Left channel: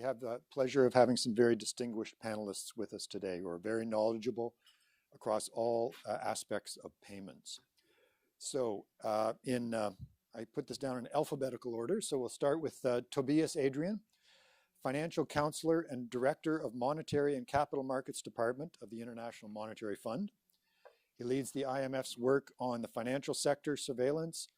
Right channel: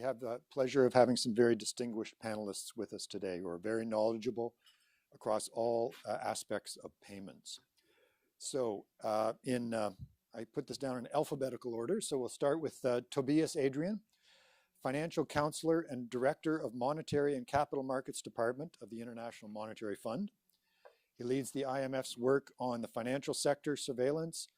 We have the pleasure of having some very distinguished panelists with us today who are very knowledgeable across all aspects of payments. So I put this down in alphabetical order. So we'll start with Tobias Adrian, Financial Counselor and Director of Monetary and Capital Markets Department of the International Monetary Fund. He leads the IMF's work on the financial sector surveillance,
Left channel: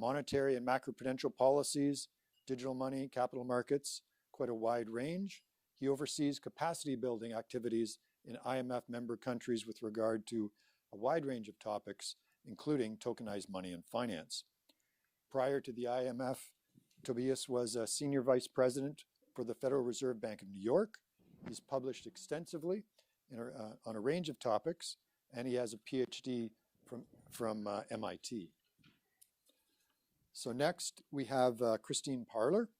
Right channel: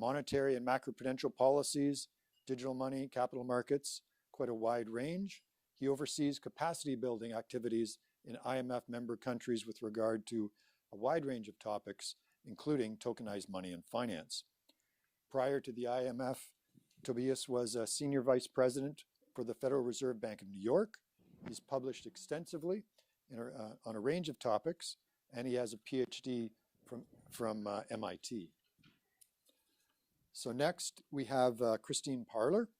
monetary and macroprudential policies, digital money, capital markets, quite a wide range. He oversees capacity building activities in IMF member countries with regard to a wide range of topics, including tokenized money and finance. Prior to the IMF, Tobias was a Senior Vice President for the Federal Reserve Bank of New York. He's published extensively on a range of topics, and he has a PhD from MIT. So next we have Christine Parler,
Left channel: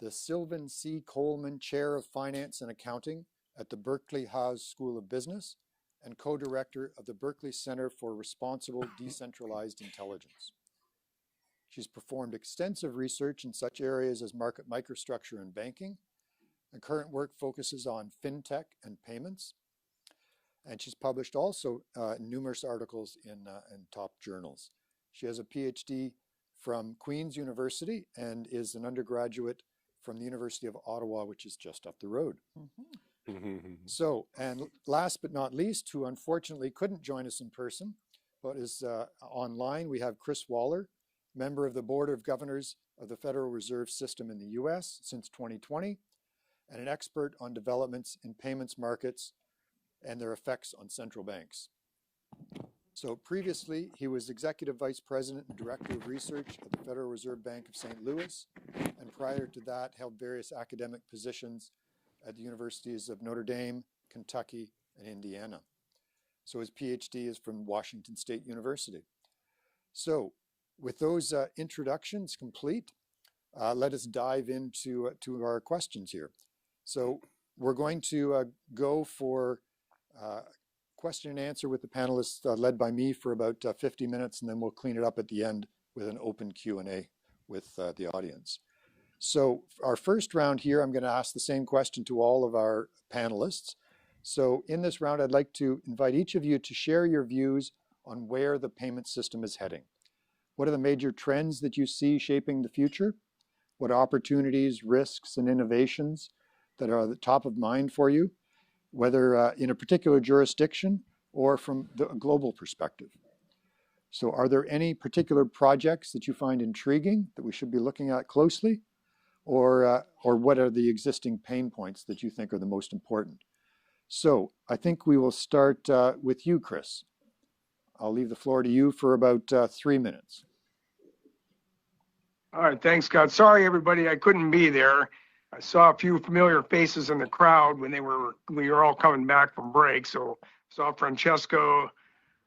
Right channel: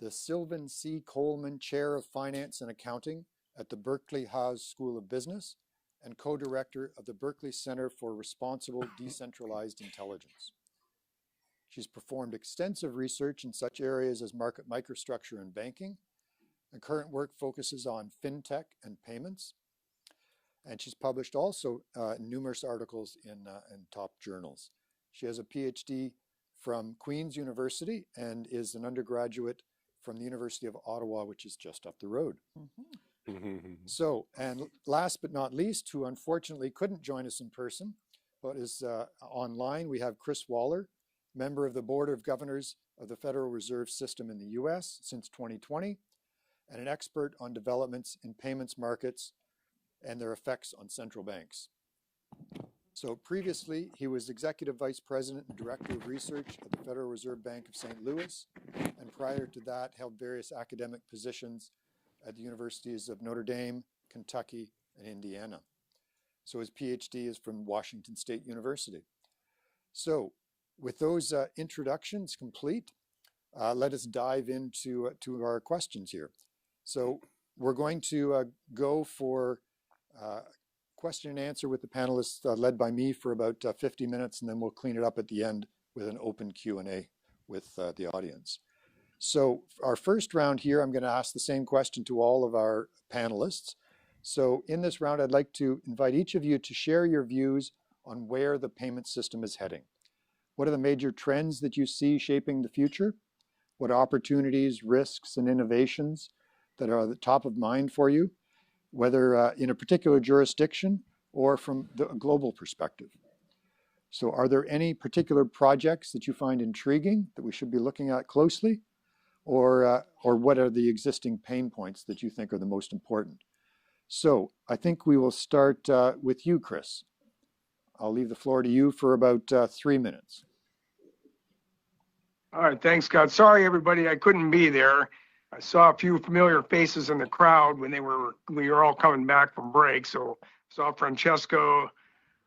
the Sylvan C. Coleman Chair of Finance and Accounting at the Berkeley Haas School of Business and co-director of the Berkeley Center for Responsible Decentralized Intelligence. She's performed extensive research in such areas as market microstructure and banking. Her current work focuses on fintech and payments. And she's published also numerous articles in top journals. She has a PhD from Queen's University and is an undergraduate from the University of Ottawa, which is just up the road. So, and last but not least, who unfortunately couldn't join us in person, but is online, we have Chris Waller, member of the Board of Governors of the Federal Reserve System in the US since 2020, and an expert on developments in payments markets and their effects on central banks. So previously, he was Executive Vice President and Director of Research at the Federal Reserve Bank of St. Louis, and prior to that, held various academic positions at the universities of Notre Dame, Kentucky, and Indiana. So his PhD is from Washington State University. So with those introductions complete, let us dive into our questions here. So we're going to go for question and answer with the panelists led by me for about 50 minutes, and then we'll clean it up at the end with an open Q&A with the audience. So our first round here, I'm going to ask the same question to all of our panelists. So in this round, I'd like to invite each of you to share your views on where the payment system is heading. What are the major trends that you see shaping the future? What opportunities, risks, and innovations that are at the top of mind for you, whether in a particular jurisdiction or from the global perspective? So are there any particular projects that you find intriguing that we should be looking at closely? Or what are the existing pain points that you think are the most important? So I think we will start with you, Chris. I'll leave the floor to you for about 3 minutes. All right, thanks, Scott. Sorry, everybody, I couldn't be there. I saw a few familiar faces in the crowd when we were all coming back from break. So saw Francesco,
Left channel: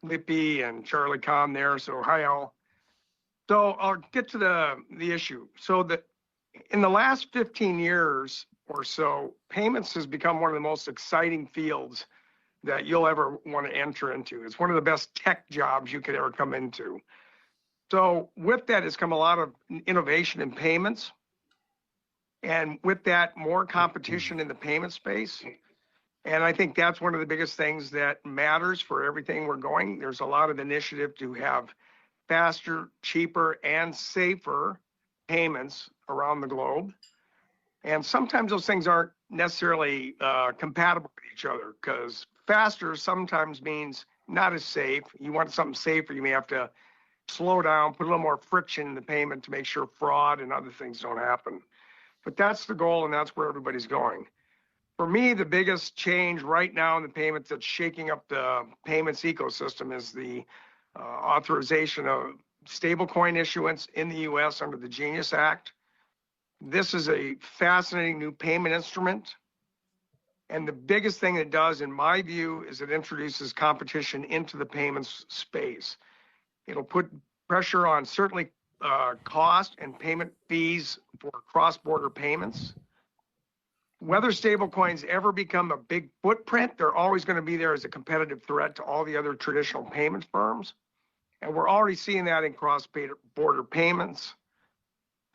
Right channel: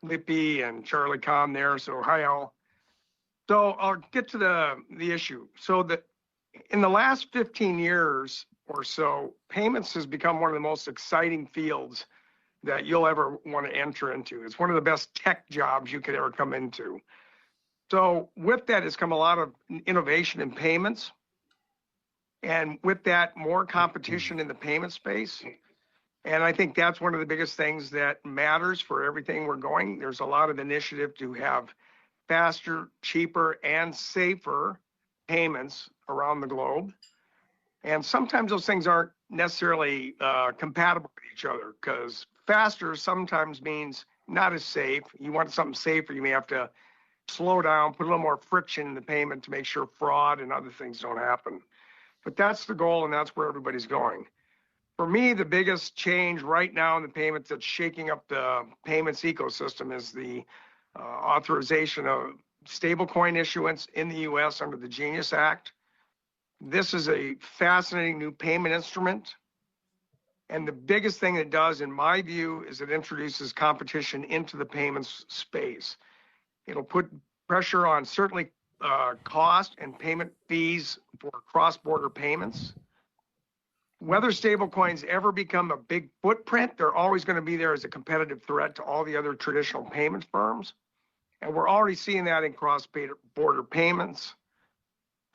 Lippy, and Charlie Kahn there. So hi all. So I'll get to the issue. So in the last 15 years or so, payments has become one of the most exciting fields that you'll ever want to enter into. It's one of the best tech jobs you could ever come into. So with that has come a lot of innovation in payments. And with that, more competition in the payment space. And I think that's one of the biggest things that matters for everything we're going. There's a lot of initiative to have faster, cheaper, and safer payments around the globe. And sometimes those things aren't necessarily compatible with each other, because faster sometimes means not as safe. You want something safer, you may have to slow down, put a little more friction in the payment to make sure fraud and other things don't happen. But that's the goal, and that's where everybody's going. For me, the biggest change right now in the payments that's shaking up the payments ecosystem is the authorization of stablecoin issuance in the US under the Genius Act. This is a fascinating new payment instrument. And the biggest thing it does, in my view, is it introduces competition into the payments space. It'll put pressure on certainly cost and payment fees for cross-border payments. Whether stablecoins ever become a big footprint, they're always going to be there as a competitive threat to all the other traditional payment firms. And we're already seeing that in cross-border payments.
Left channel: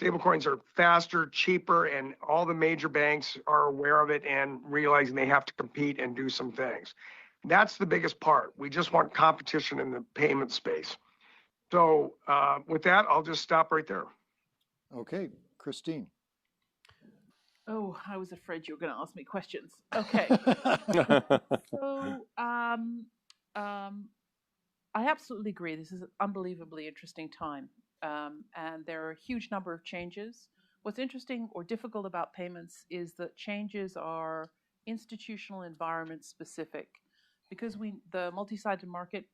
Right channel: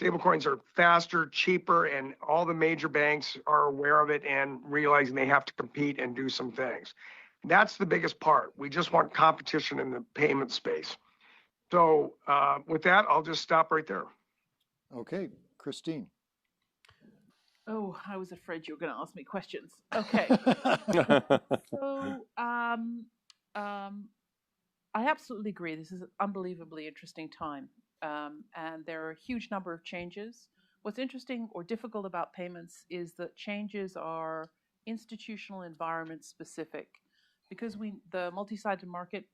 Stablecoins are faster, cheaper, and all the major banks are aware of it and realizing they have to compete and do some things. That's the biggest part. We just want competition in the payment space. So with that, I'll just stop right there. Okay, Christine. Oh, I was afraid you were going to ask me questions. Okay. So, I absolutely agree. This is an unbelievably interesting time. And there are a huge number of changes. What's interesting or difficult about payments is that changes are institutional environment specific because the multi-sided market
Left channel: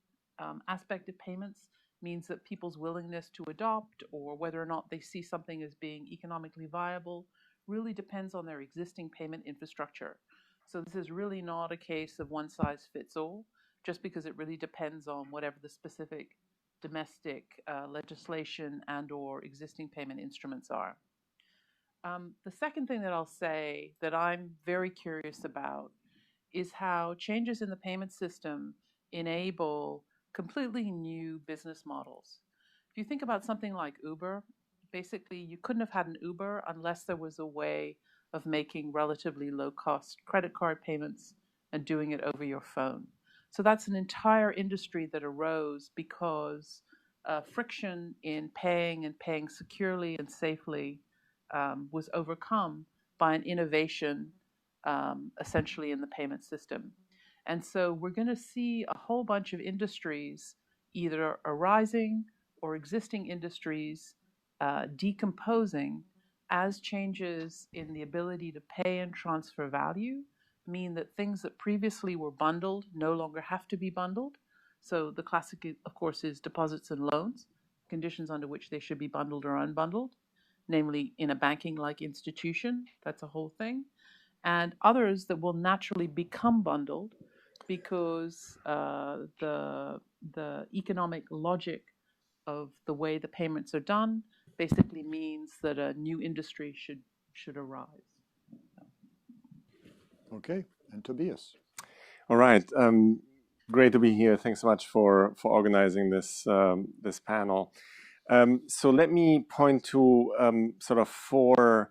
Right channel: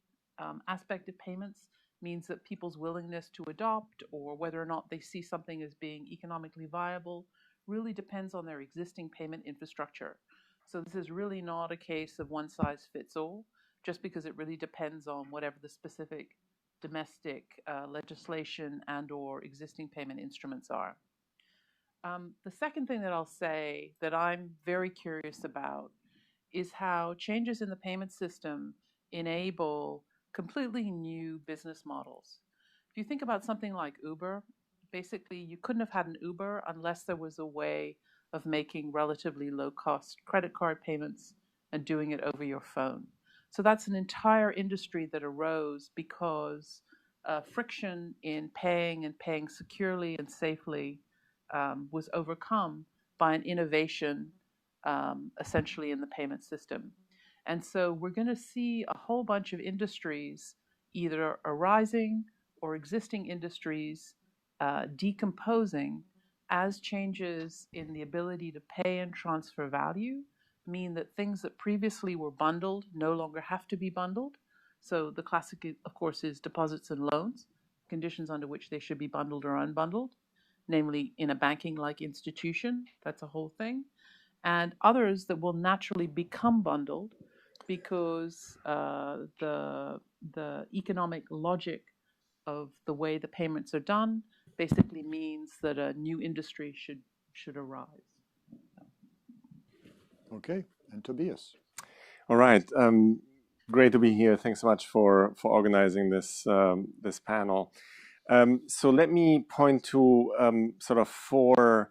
aspect of payments means that people's willingness to adopt or whether or not they see something as being economically viable really depends on their existing payment infrastructure. So this is really not a case of one size fits all, just because it really depends on whatever the specific domestic legislation and or existing payment instruments are. The second thing that I'll say that I'm very curious about is how changes in the payment system enable completely new business models. If you think about something like Uber, basically you couldn't have had an Uber unless there was a way of making relatively low cost credit card payments and doing it over your phone. So that's an entire industry that arose because friction in paying and paying securely and safely was overcome by an innovation essentially in the payment system. And so we're going to see a whole bunch of industries either arising or existing industries decomposing as changes in the ability to pay and transfer value mean that things that previously were bundled no longer have to be bundled. So the classic, of course, is deposits and loans, conditions under which they should be bundled or unbundled, namely in a banking-like institution. That's a whole thing. And others that will naturally become bundled because the economic logic of the way the payments are done basically means that a new industry should arise. Okay, and Tobias. All right. Great to be here. Thanks so much for organizing this this panel. So let me point to sort of four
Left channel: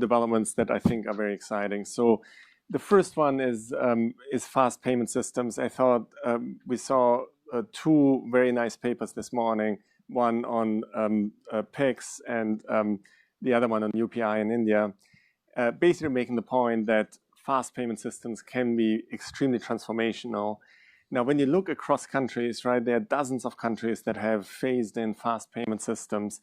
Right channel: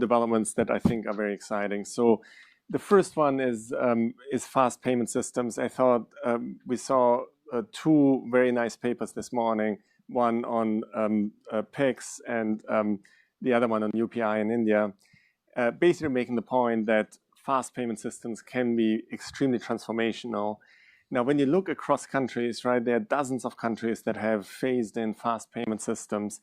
developments that I think are very exciting. So the first one is fast payment systems. I thought we saw two very nice papers this morning. One on PIX and the other one on UPI in India, basically making the point that fast payment systems can be extremely transformational. Now, when you look across countries, right, there are dozens of countries that have phased in fast payment systems.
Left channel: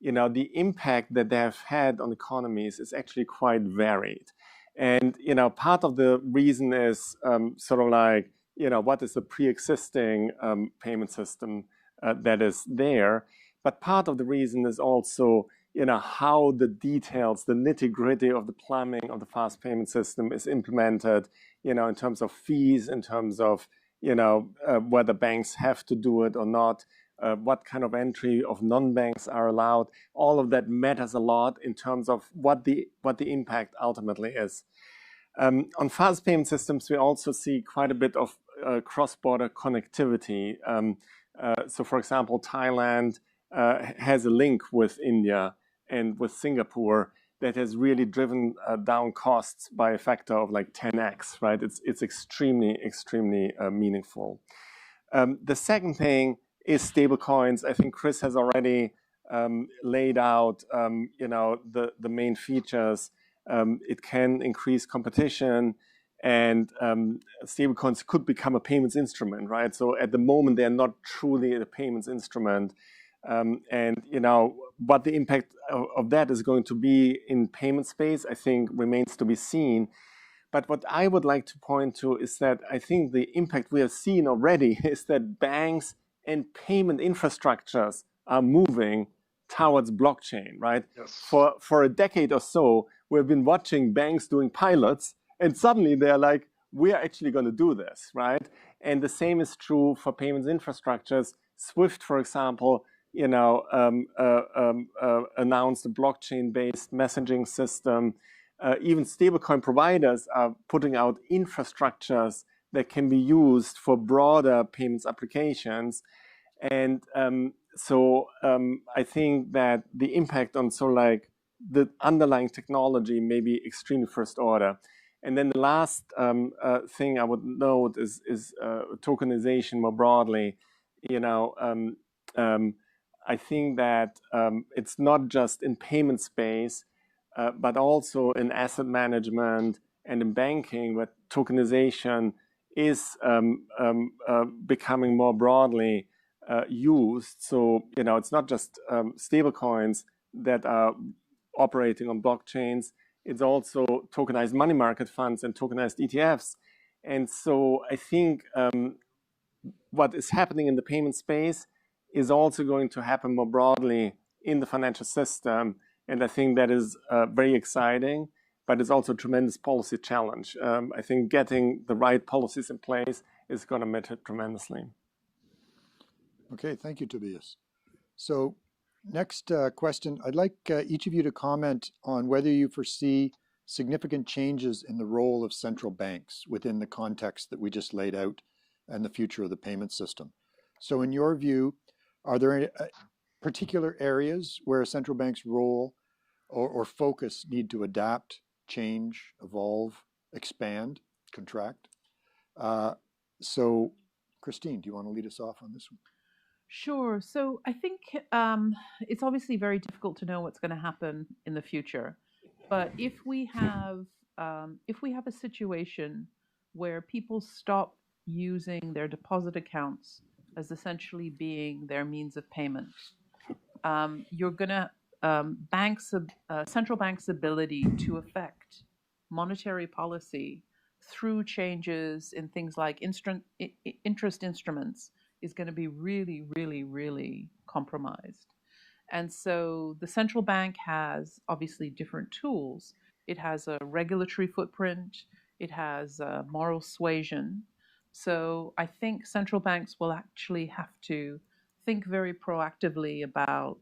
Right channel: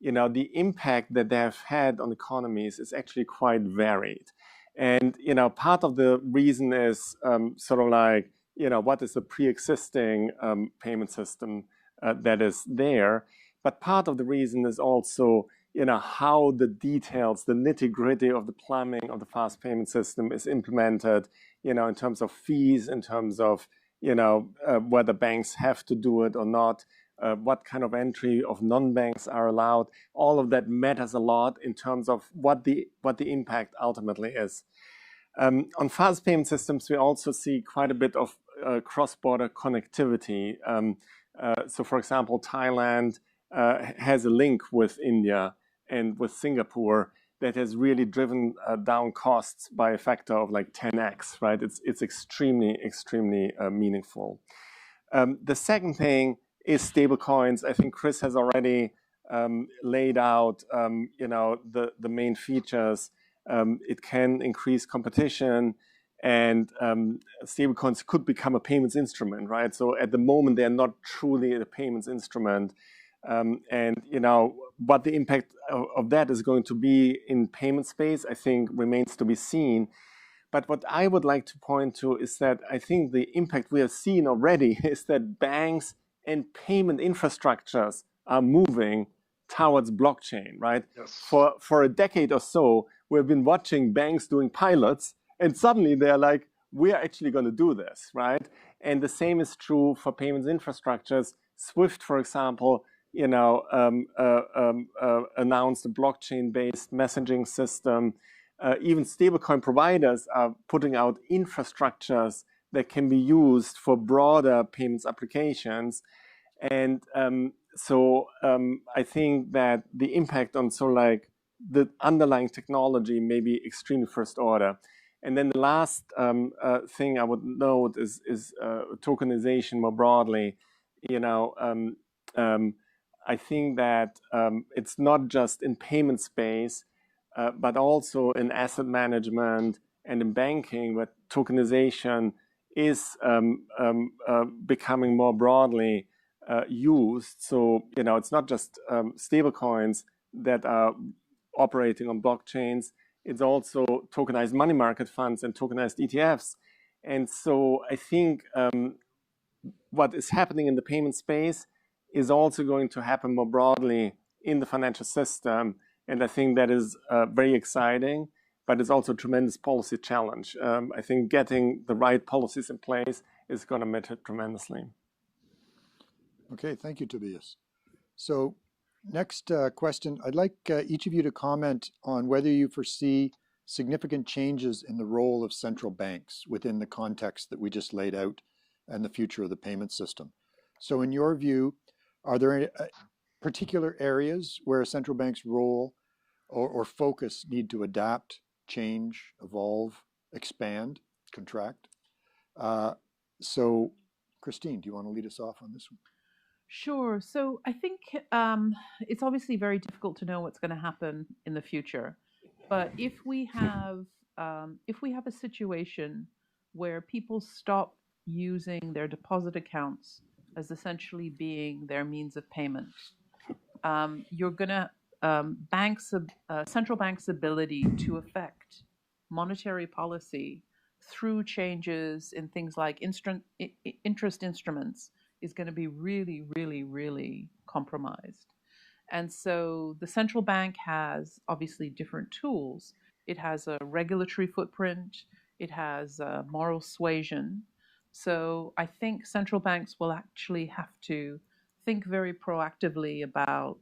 You know, the impact that they have had on economies is actually quite varied. And, you know, part of the reason is sort of like, you know, what is the pre-existing payment system that is there? But part of the reason is also, you know, how the details, the nitty-gritty of the plumbing of the fast payment system is implemented, you know, in terms of fees, in terms of, you know, whether banks have to do it or not, what kind of entry of non-banks are allowed. All of that matters a lot in terms of what the impact ultimately is. On fast payment systems, we also see quite a bit of cross-border connectivity. So, for example, Thailand has a link with India and with Singapore that has really driven down costs by a factor of like 10x, right? It's extremely meaningful. The second thing is stablecoins. I think Chris has already laid out, you know, the main features. It can increase competition, and stablecoins could become a payments instrument, right? So at the moment, they're not truly a payments instrument. And, you know, what the impact of that is going to be in payment space, I think remains to be seen. But what I would like to point to is that I think the impact we have seen already is that banks and payment infrastructures are moving towards blockchain, right? Yes. For a decade or so, we've been watching banks doing pilots, and suddenly they're like, we are actually going to do this, right? And the same is true for payments infrastructures. Swift, for example, you know, announced a blockchain-based messaging system. Even stablecoin providers are putting out infrastructures that can be used for broader payments applications. And I think that the impact on the underlying technology may be extremely first order. And then the last thing I would note is tokenization more broadly. You know, I think that it's not just in payment space, but also in asset management and in banking, where tokenization is becoming more broadly used. So, you know, it's not just stable coins that are operating on blockchains. It's also tokenized money market funds and tokenized ETFs. And so I think what is happening in the payment space is also going to happen more broadly in the financial system. And I think that is very exciting, but it's also a tremendous policy challenge. I think getting the right policies in place is going to matter tremendously. Okay, thank you, Tobias. So next question, I'd like each of you to comment on whether you foresee significant changes in the role of central banks within the context that we just laid out and the future of the payment system. So in your view, are there any particular areas where a central bank's role or focus need to adapt, change, evolve, expand, contract? So Christine, do you want to lead us off on this one? Sure. So I think it's obviously very difficult to know what's going to happen in the future. But if we have a situation where people stop using their deposit accounts as essentially being their means of payment, you're going to central banks' ability to affect monetary policy through changes in things like interest instruments is going to be really, really, really compromised. And so the central bank has obviously different tools. It has a regulatory footprint. It has a moral suasion. So I think central banks will actually have to think very proactively about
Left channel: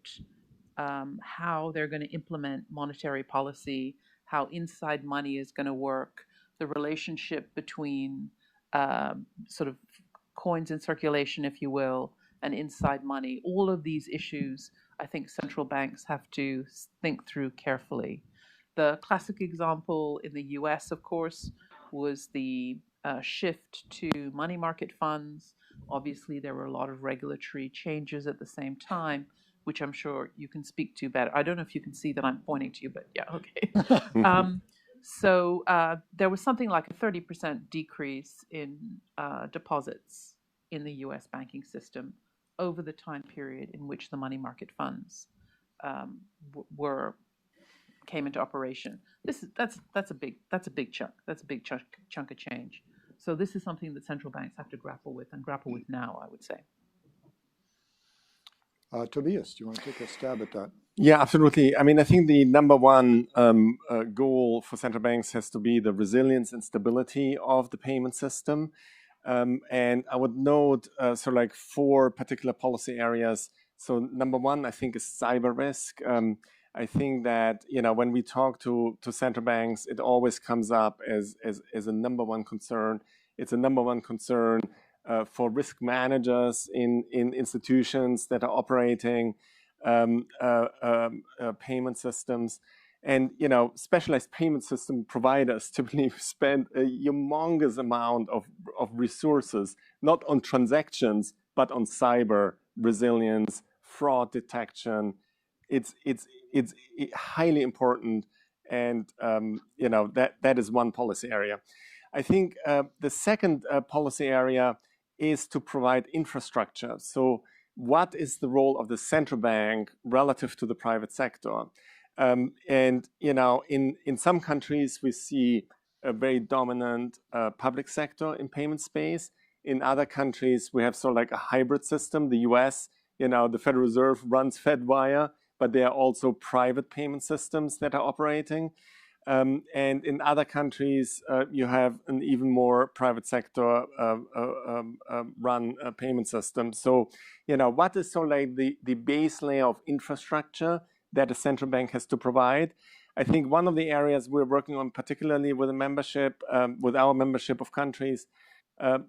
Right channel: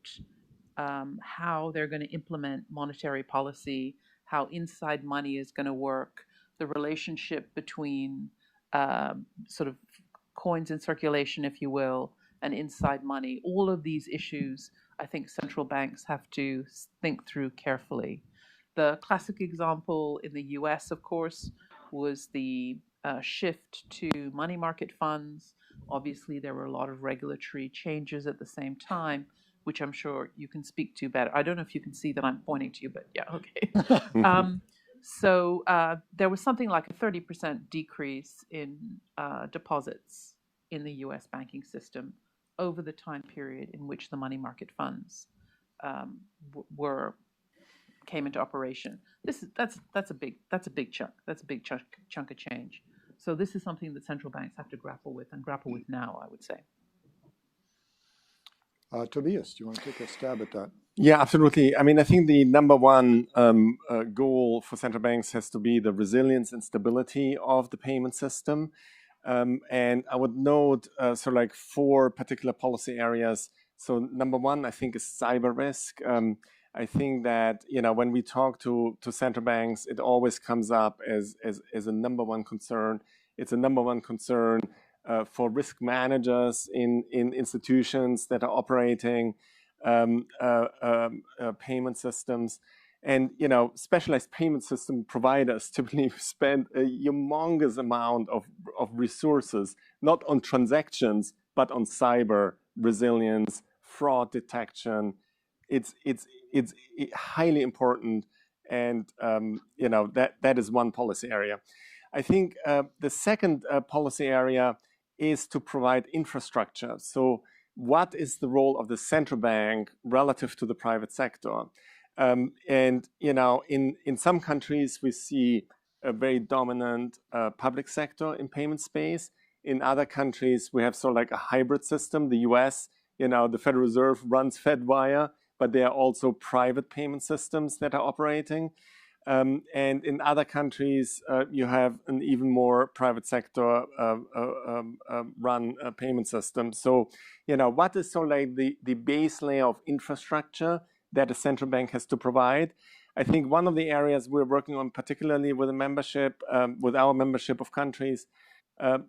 how they're going to implement monetary policy, how inside money is going to work, the relationship between sort of coins in circulation, if you will, and inside money. All of these issues, I think central banks have to think through carefully. The classic example in the US, of course, was the shift to money market funds. Obviously, there were a lot of regulatory changes at the same time, which I'm sure you can speak to better. I don't know if you can see that I'm pointing to you, but yeah, okay. So there was something like a 30% decrease in deposits in the US banking system over the time period in which the money market funds came into operation. That's a big chunk. That's a big chunk of change. So this is something that central banks have to grapple with now, I would say. Tobias, do you want to take a stab at that? Yeah, absolutely. I mean, I think the number one goal for central banks has to be the resilience and stability of the payment system. And I would note sort of like 4 particular policy areas. So number one, I think, is cyber risk. I think that, you know, when we talk to central banks, it always comes up as a number one concern. It's a number one concern for risk managers in institutions that are operating payment systems. And, you know, specialized payment system providers typically spend a humongous amount of resources, not on transactions, but on cyber resilience, fraud detection. It's highly important. And, you know, that is one policy area. I think the second policy area is to provide infrastructure. So what is the role of the central bank relative to the private sector? And, you know, in some countries, we see a very dominant public sector in payment space. In other countries, we have sort of like a hybrid system. The US, you know, the Federal Reserve runs FedWire, but there are also private payment systems that are operating. And in other countries, you have an even more private sector run payment system. So, you know, what is sort of like the base layer of infrastructure that a central bank has to provide? I think one of the areas we're working on, particularly with a membership, with our membership of countries,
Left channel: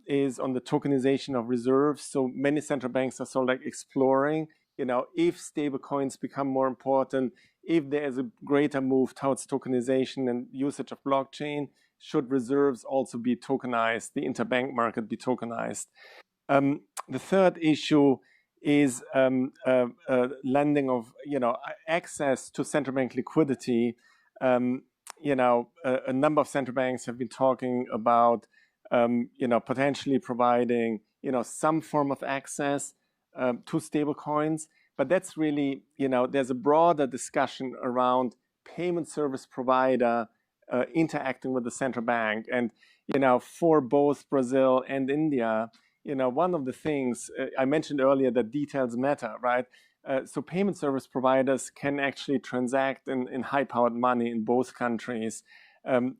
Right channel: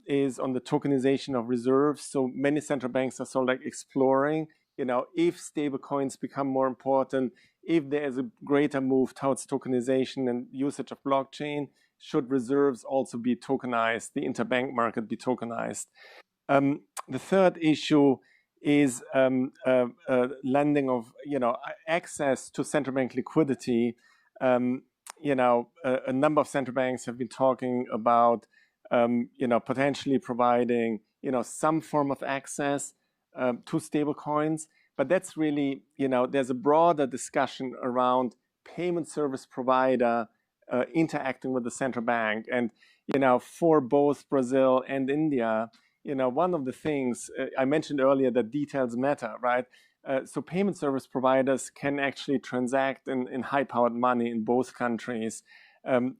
is on the tokenization of reserves. So many central banks are sort of like exploring if stable coins become more important, if there is a greater move towards tokenization and usage of blockchain, should reserves also be tokenized, the interbank market be tokenized? The third issue is lending of, access to central bank liquidity. A number of central banks have been talking about, potentially providing, some form of access to stable coins. But that's really, there's a broader discussion around payment service provider interacting with the central bank. And, for both Brazil and India, one of the things I mentioned earlier, that details matter, right? So payment service providers can actually transact in high-powered money in both countries,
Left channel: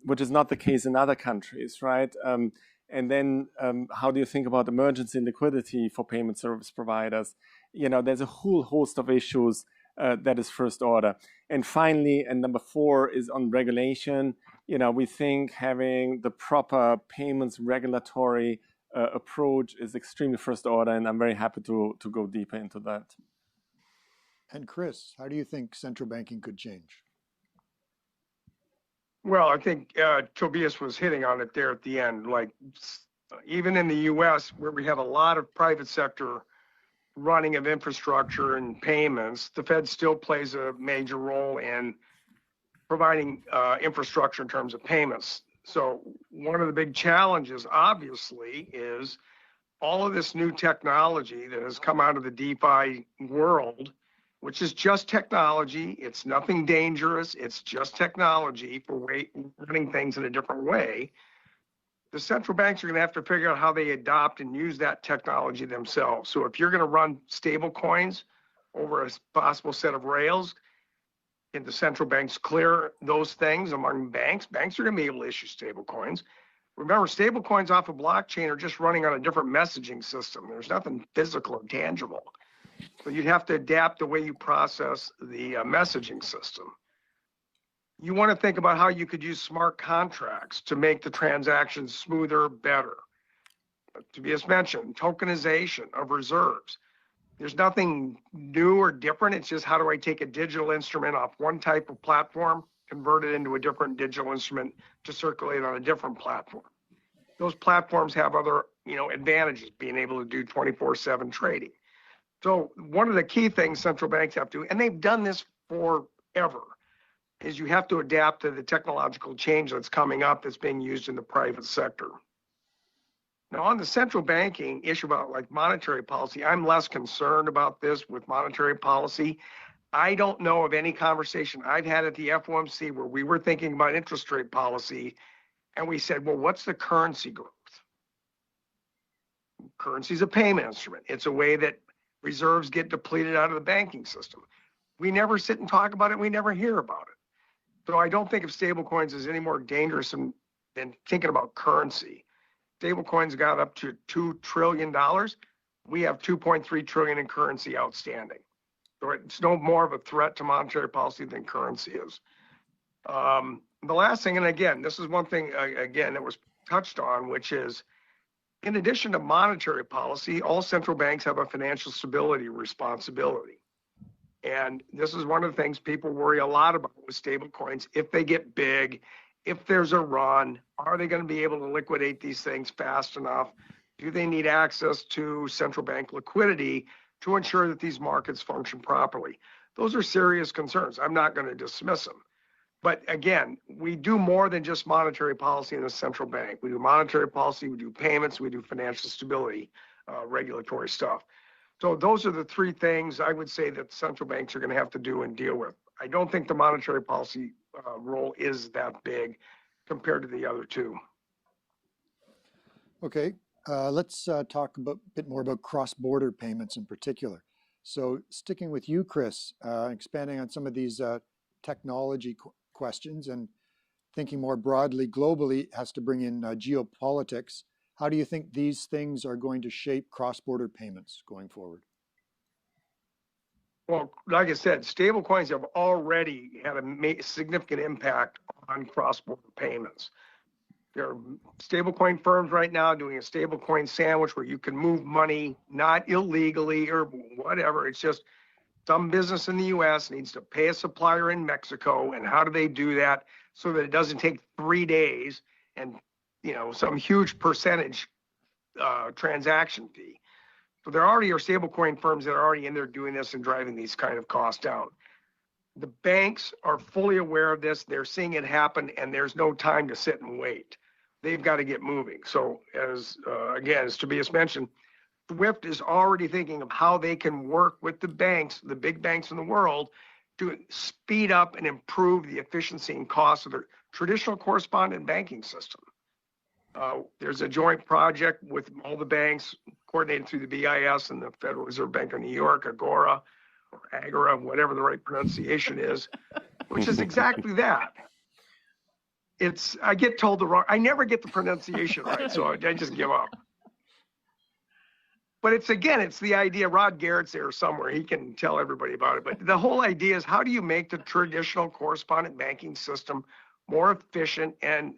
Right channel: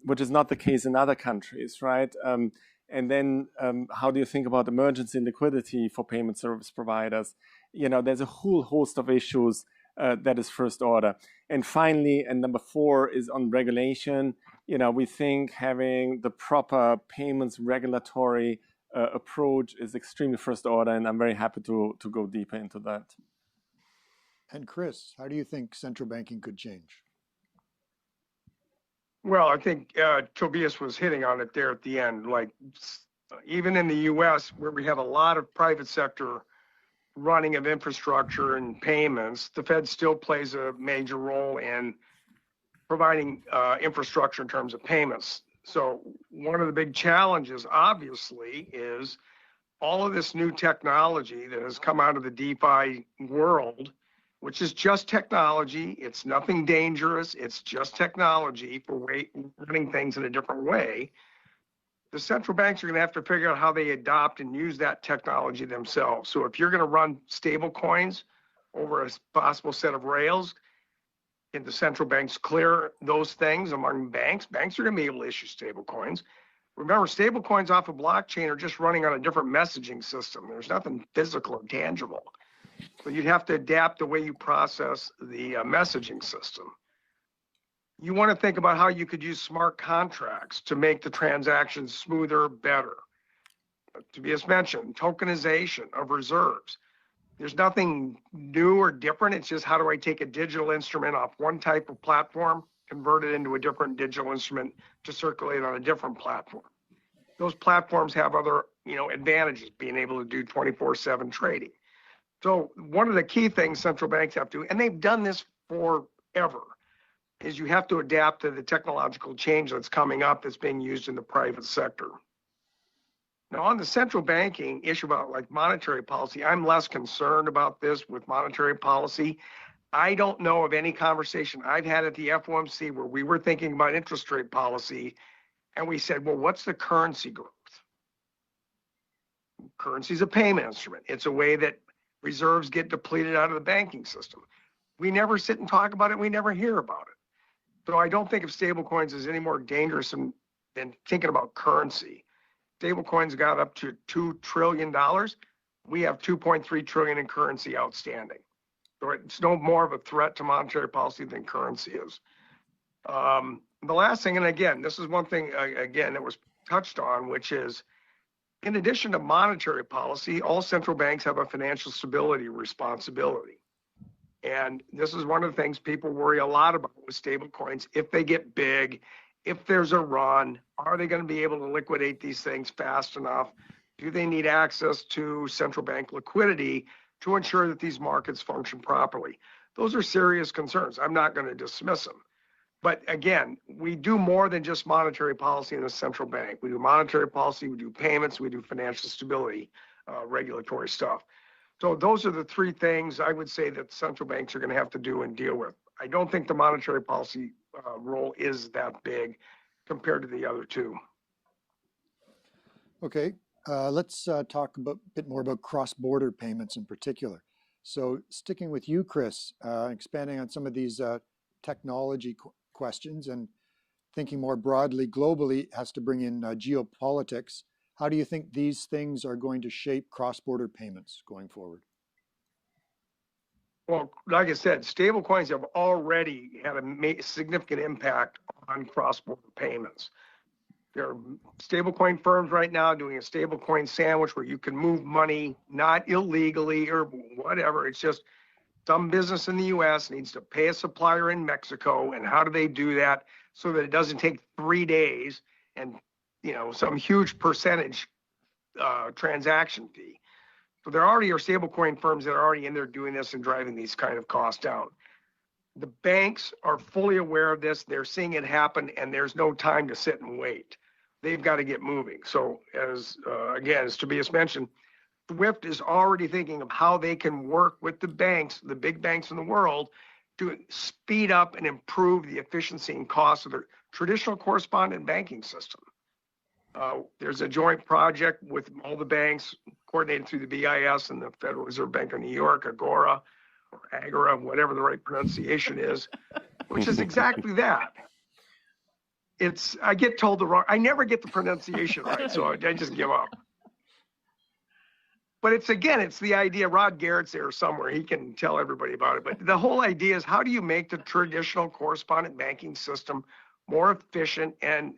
which is not the case in other countries, right? And then how do you think about emergency liquidity for payment service providers? There's a whole host of issues that is first order. And finally, and number 4 is on regulation. We think having the proper payments regulatory approach is extremely first order, and I'm very happy to go deeper into that. And Chris, how do you think central banking could change? Well, I think Tobias was hitting on it there at the end. Like, even in the U.S., where we have a lot of private sector running of infrastructure and payments, the Fed still plays a major role in providing infrastructure in terms of payments. So one of the big challenges, obviously, is all of this new technology that has come out of the DeFi world, which is just technology. It's nothing dangerous. It's just technology for running things in a different way. The central banks are going to have to figure out how they adopt and use that technology themselves. So if you're going to run stable coins over a possible set of rails, and the central banks clear those things among banks are going to be able to issue stable coins. Remember, stable coins off a blockchain are just running on a different messaging system. There's nothing physical or tangible. So you'd have to adapt the way you process the messaging system. You want to think about how you could use smart contracts to make the transactions smoother, better. Tobias mentioned tokenization of reserves. There's nothing new or different. It's just, how do I take a digital instrument off one type of platform, convert it into a different digital instrument to circulate on a different platform? Those platforms have other, advantages, being able to do 24/7 trading. So one of the key things central banks have to, and they've done this forever, is you have to adapt to the technological change that's coming up that's being used in the private sector. Now, on the central banking issue about like monetary policy, I'm less concerned about this with monetary policy. I don't know of any conversation I've had at the FOMC where we were thinking about interest rate policy and we said, well, what's the currency growth? Currency is a payment instrument. It's a way that reserves get depleted out of the banking system. We never sit and talk about it. We never hear about it. So I don't think of stable coins as any more dangerous than thinking about currency. Stable coins got up to $2 trillion. We have 2.3 trillion in currency outstanding. So it's no more of a threat to monetary policy than currency is. The last thing, and again, this is one thing, again, that was touched on, which is, in addition to monetary policy, all central banks have a financial stability responsibility. And this is one of the things people worry a lot about with stable coins. If they get big, if there's a run, are they going to be able to liquidate these things fast enough? Do they need access to central bank liquidity to ensure that these markets function properly? Those are serious concerns. I'm not going to dismiss them. But again, we do more than just monetary policy in the central bank. We do monetary policy, we do payments, we do financial stability, regulatory stuff. So those are the 3 things I would say that central banks are going to have to do and deal with. I don't think the monetary policy role is that big compared to the other 2. Okay, let's talk a bit more about cross-border payments in particular. So sticking with you, Chris, expanding on some of these technology questions and thinking more broadly globally has to bring in geopolitics. How do you think these things are going to shape cross-border payments going forward? Well, like I said, stable coins have already had a significant impact on cross-border payments. There are stablecoin firms right now doing a stablecoin sandwich where you can move money, not illegally or whatever. It's just some business in the US needs to pay a supplier in Mexico, and how do they do that so that it doesn't take 3 days and, you know, some huge percentage transaction fee. So there already are stablecoin firms that are already in there doing this and driving these kind of costs down. The banks are fully aware of this. They're seeing it happen, and there's no time to sit and wait. They've got to get moving. So as again, as Tobias mentioned, Swift is already thinking of how they can work with the banks, the big banks in the world, to speed up and improve the efficiency and cost of their traditional correspondent banking system. There's a joint project with all the banks, coordinated through the BIS and the Federal Reserve Bank of New York, Agora, or Agora, whatever the right pronunciation is, which is exactly that. I get told the wrong, I never get the pronunciation right, so I just give up. But it's the idea, Rod Garrett's there somewhere, he can tell everybody about it. But the whole idea is, how do you make the traditional correspondent banking system more efficient and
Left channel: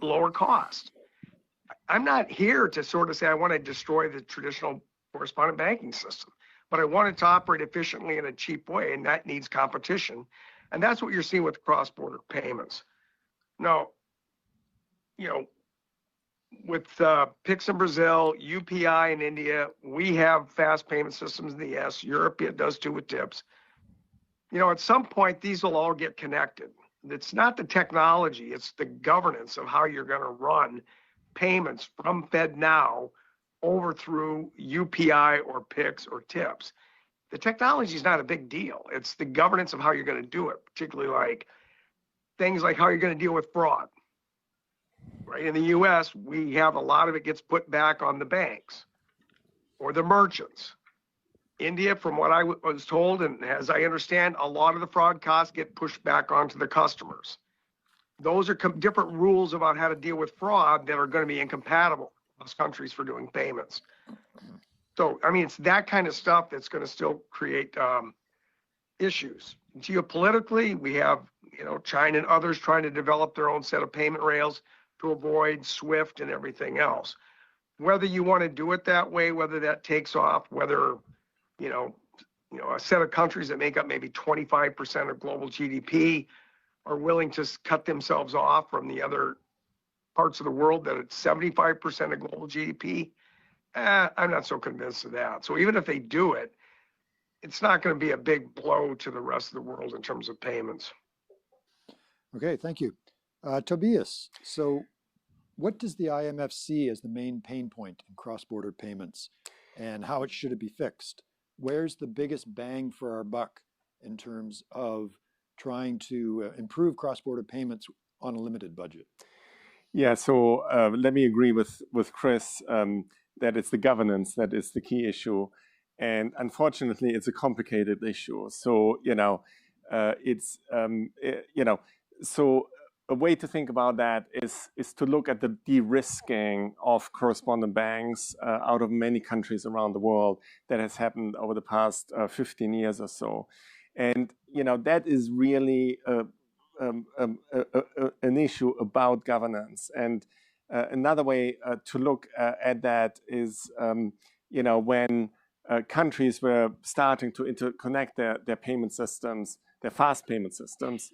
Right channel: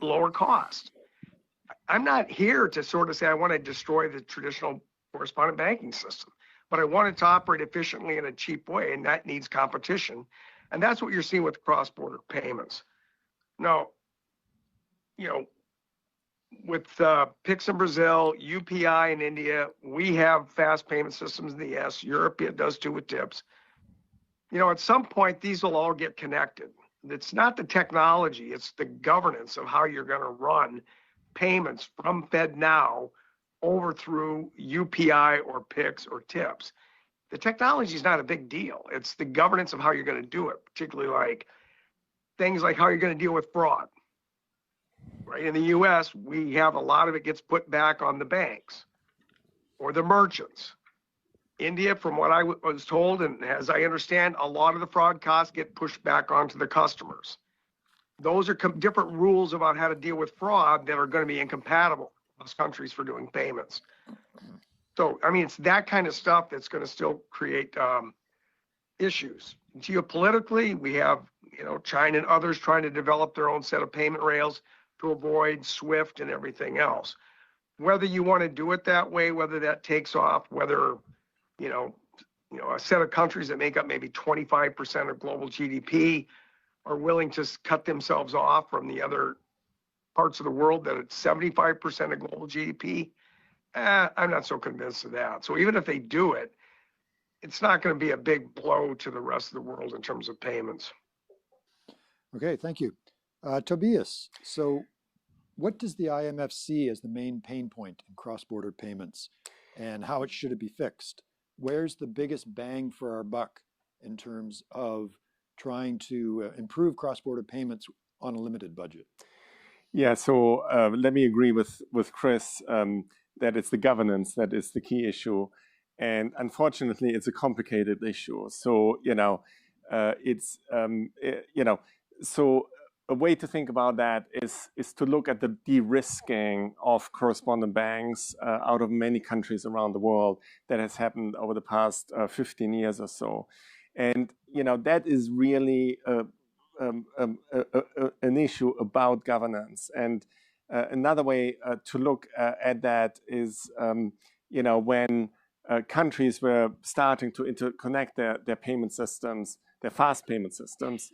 lower cost? I'm not here to sort of say I want to destroy the traditional correspondent banking system, but I want it to operate efficiently in a cheap way, and that needs competition. And that's what you're seeing with cross-border payments. Now, you know, with Pix in Brazil, UPI in India, we have fast payment systems in the US. Europe does too with tips. You know, at some point, these will all get connected. It's not the technology, it's the governance of how you're going to run payments from FedNow over through UPI or Pix or tips. The technology is not a big deal. It's the governance of how you're going to do it, particularly like things like how you're going to deal with fraud. Right? In the US, we have a lot of it gets put back on the banks or the merchants. India, from what I was told, and as I understand, a lot of the fraud costs get pushed back onto the customers. Those are different rules about how to deal with fraud that are going to be incompatible across countries for doing payments. So, I mean, it's that kind of stuff that's going to still create issues. Geopolitically, we have, you know, China and others trying to develop their own set of payment rails to avoid SWIFT and everything else. Whether you want to do it that way, whether that takes off, whether, you know, a set of countries that make up maybe 25% of global GDP are willing to cut themselves off from the other parts of the world that it's 75% of global GDP, I'm not so convinced of that. So even if they do it, it's not going to be a big blow to the rest of the world in terms of payments. Okay, thank you. Tobias, so what does the IMF see as the main pain point in cross-border payments, and how should it be fixed? Where's the biggest bang for our buck in terms of trying to improve cross-border payments on a limited budget? Yeah, so let me agree with Chris that it's the governance that is the key issue. And unfortunately, it's a complicated issue. So, you know, so a way to think about that is to look at the de-risking of correspondent banks out of many countries around the world that has happened over the past 15 years or so. And, you know, that is really an issue about governance. And another way to look at that is, you know, when countries were starting to interconnect their payment systems, their fast payment systems,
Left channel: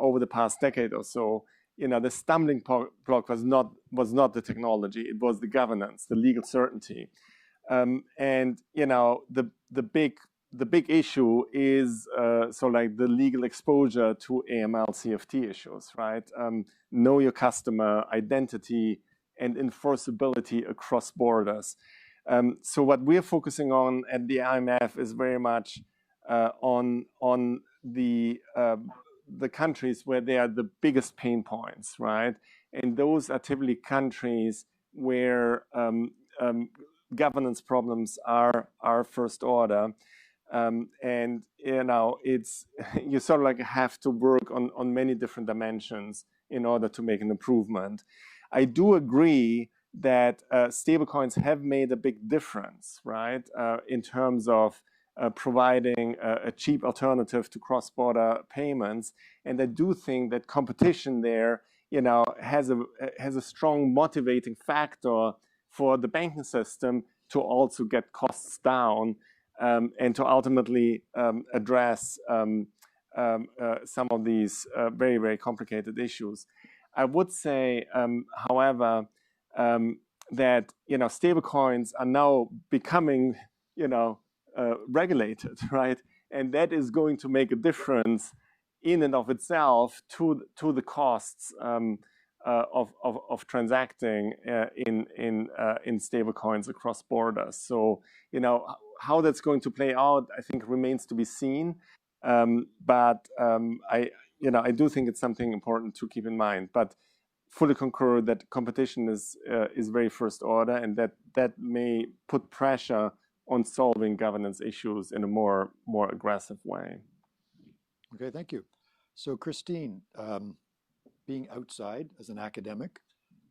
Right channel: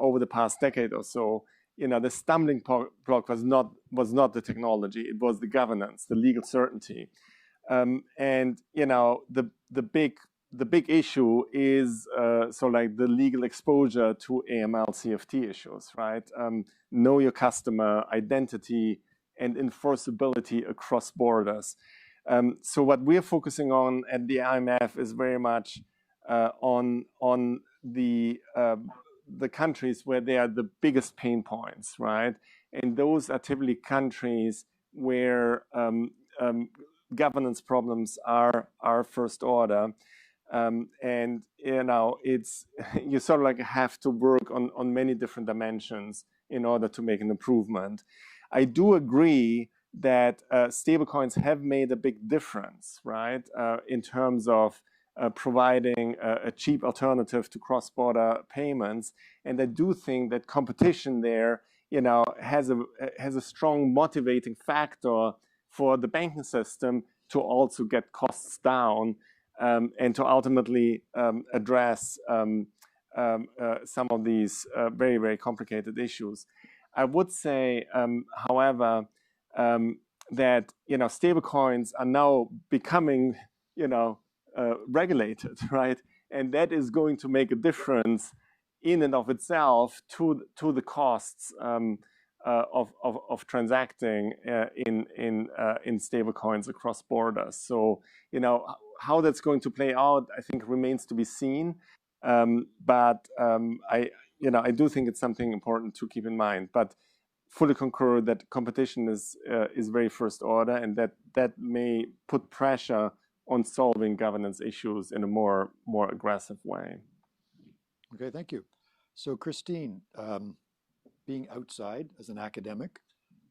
over the past decade or so, you know, the stumbling block was not the technology; it was the governance, the legal certainty, and you know, the big issue is so like the legal exposure to AML CFT issues, right? Know your customer, identity, and enforceability across borders. So what we're focusing on at the IMF is very much on the countries where they are the biggest pain points, right? And those are typically countries where governance problems are first order. And you know, it's you sort of like have to work on many different dimensions in order to make an improvement. I do agree that stablecoins have made a big difference, right, in terms of providing a cheap alternative to cross-border payments. And I do think that competition there, you know, has a strong motivating factor for the banking system to also get costs down and to ultimately address some of these very, very complicated issues. I would say, however, that stablecoins are now becoming regulated, right? And that is going to make a difference in and of itself to the costs of transacting in stablecoins across borders. So how that's going to play out, I think, remains to be seen. But I do think it's something important to keep in mind. But fully concur that competition is very first order, and that may put pressure on solving governance issues in a more aggressive way. Okay, thank you. So Christine, being outside as an academic,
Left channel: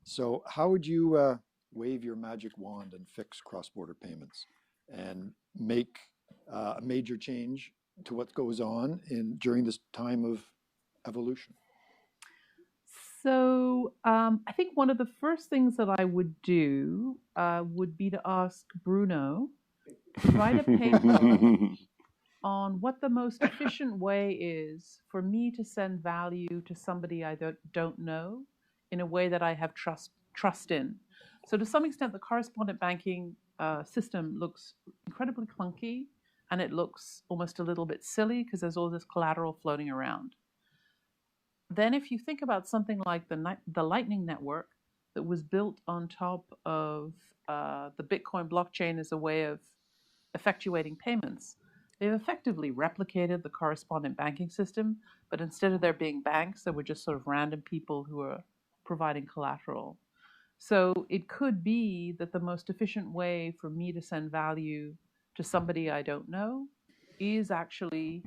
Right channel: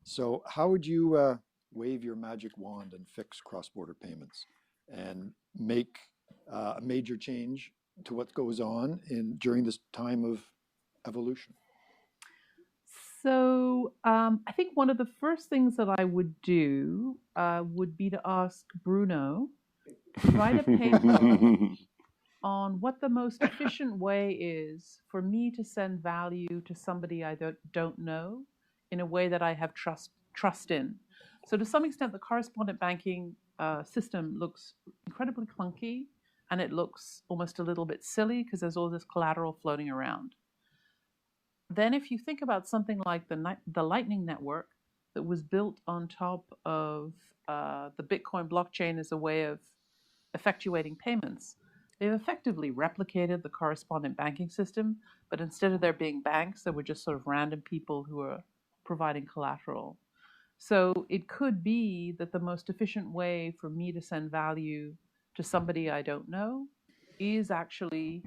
so how would you wave your magic wand and fix cross-border payments and make a major change to what goes on during this time of evolution? So I think one of the first things that I would do would be to ask Bruno to write a paper on what the most efficient way is for me to send value to somebody I don't know in a way that I have trust in. So to some extent, the correspondent banking system looks incredibly clunky, and it looks almost a little bit silly because there's all this collateral floating around. Then if you think about something like the Lightning Network that was built on top of the Bitcoin blockchain as a way of effectuating payments, they've effectively replicated the correspondent banking system, but instead of there being banks, there were just sort of random people who are providing collateral. So it could be that the most efficient way for me to send value to somebody I don't know is actually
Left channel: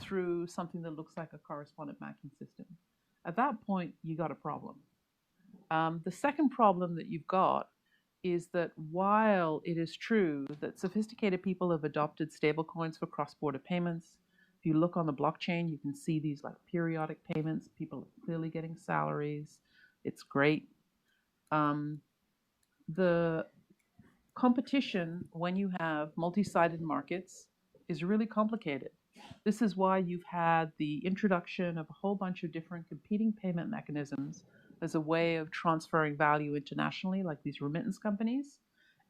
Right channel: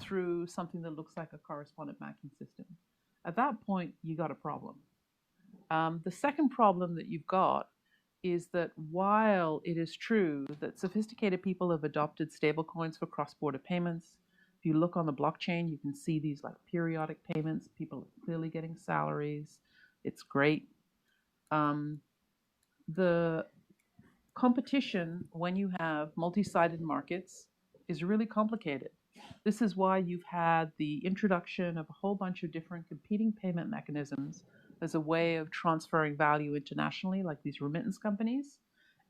through something that looks like a correspondent banking system. At that point, you got a problem. The second problem that you've got is that while it is true that sophisticated people have adopted stablecoins for cross-border payments, if you look on the blockchain, you can see these like periodic payments. People are clearly getting salaries. It's great. The competition when you have multi-sided markets is really complicated. This is why you've had the introduction of a whole bunch of different competing payment mechanisms as a way of transferring value internationally, like these remittance companies.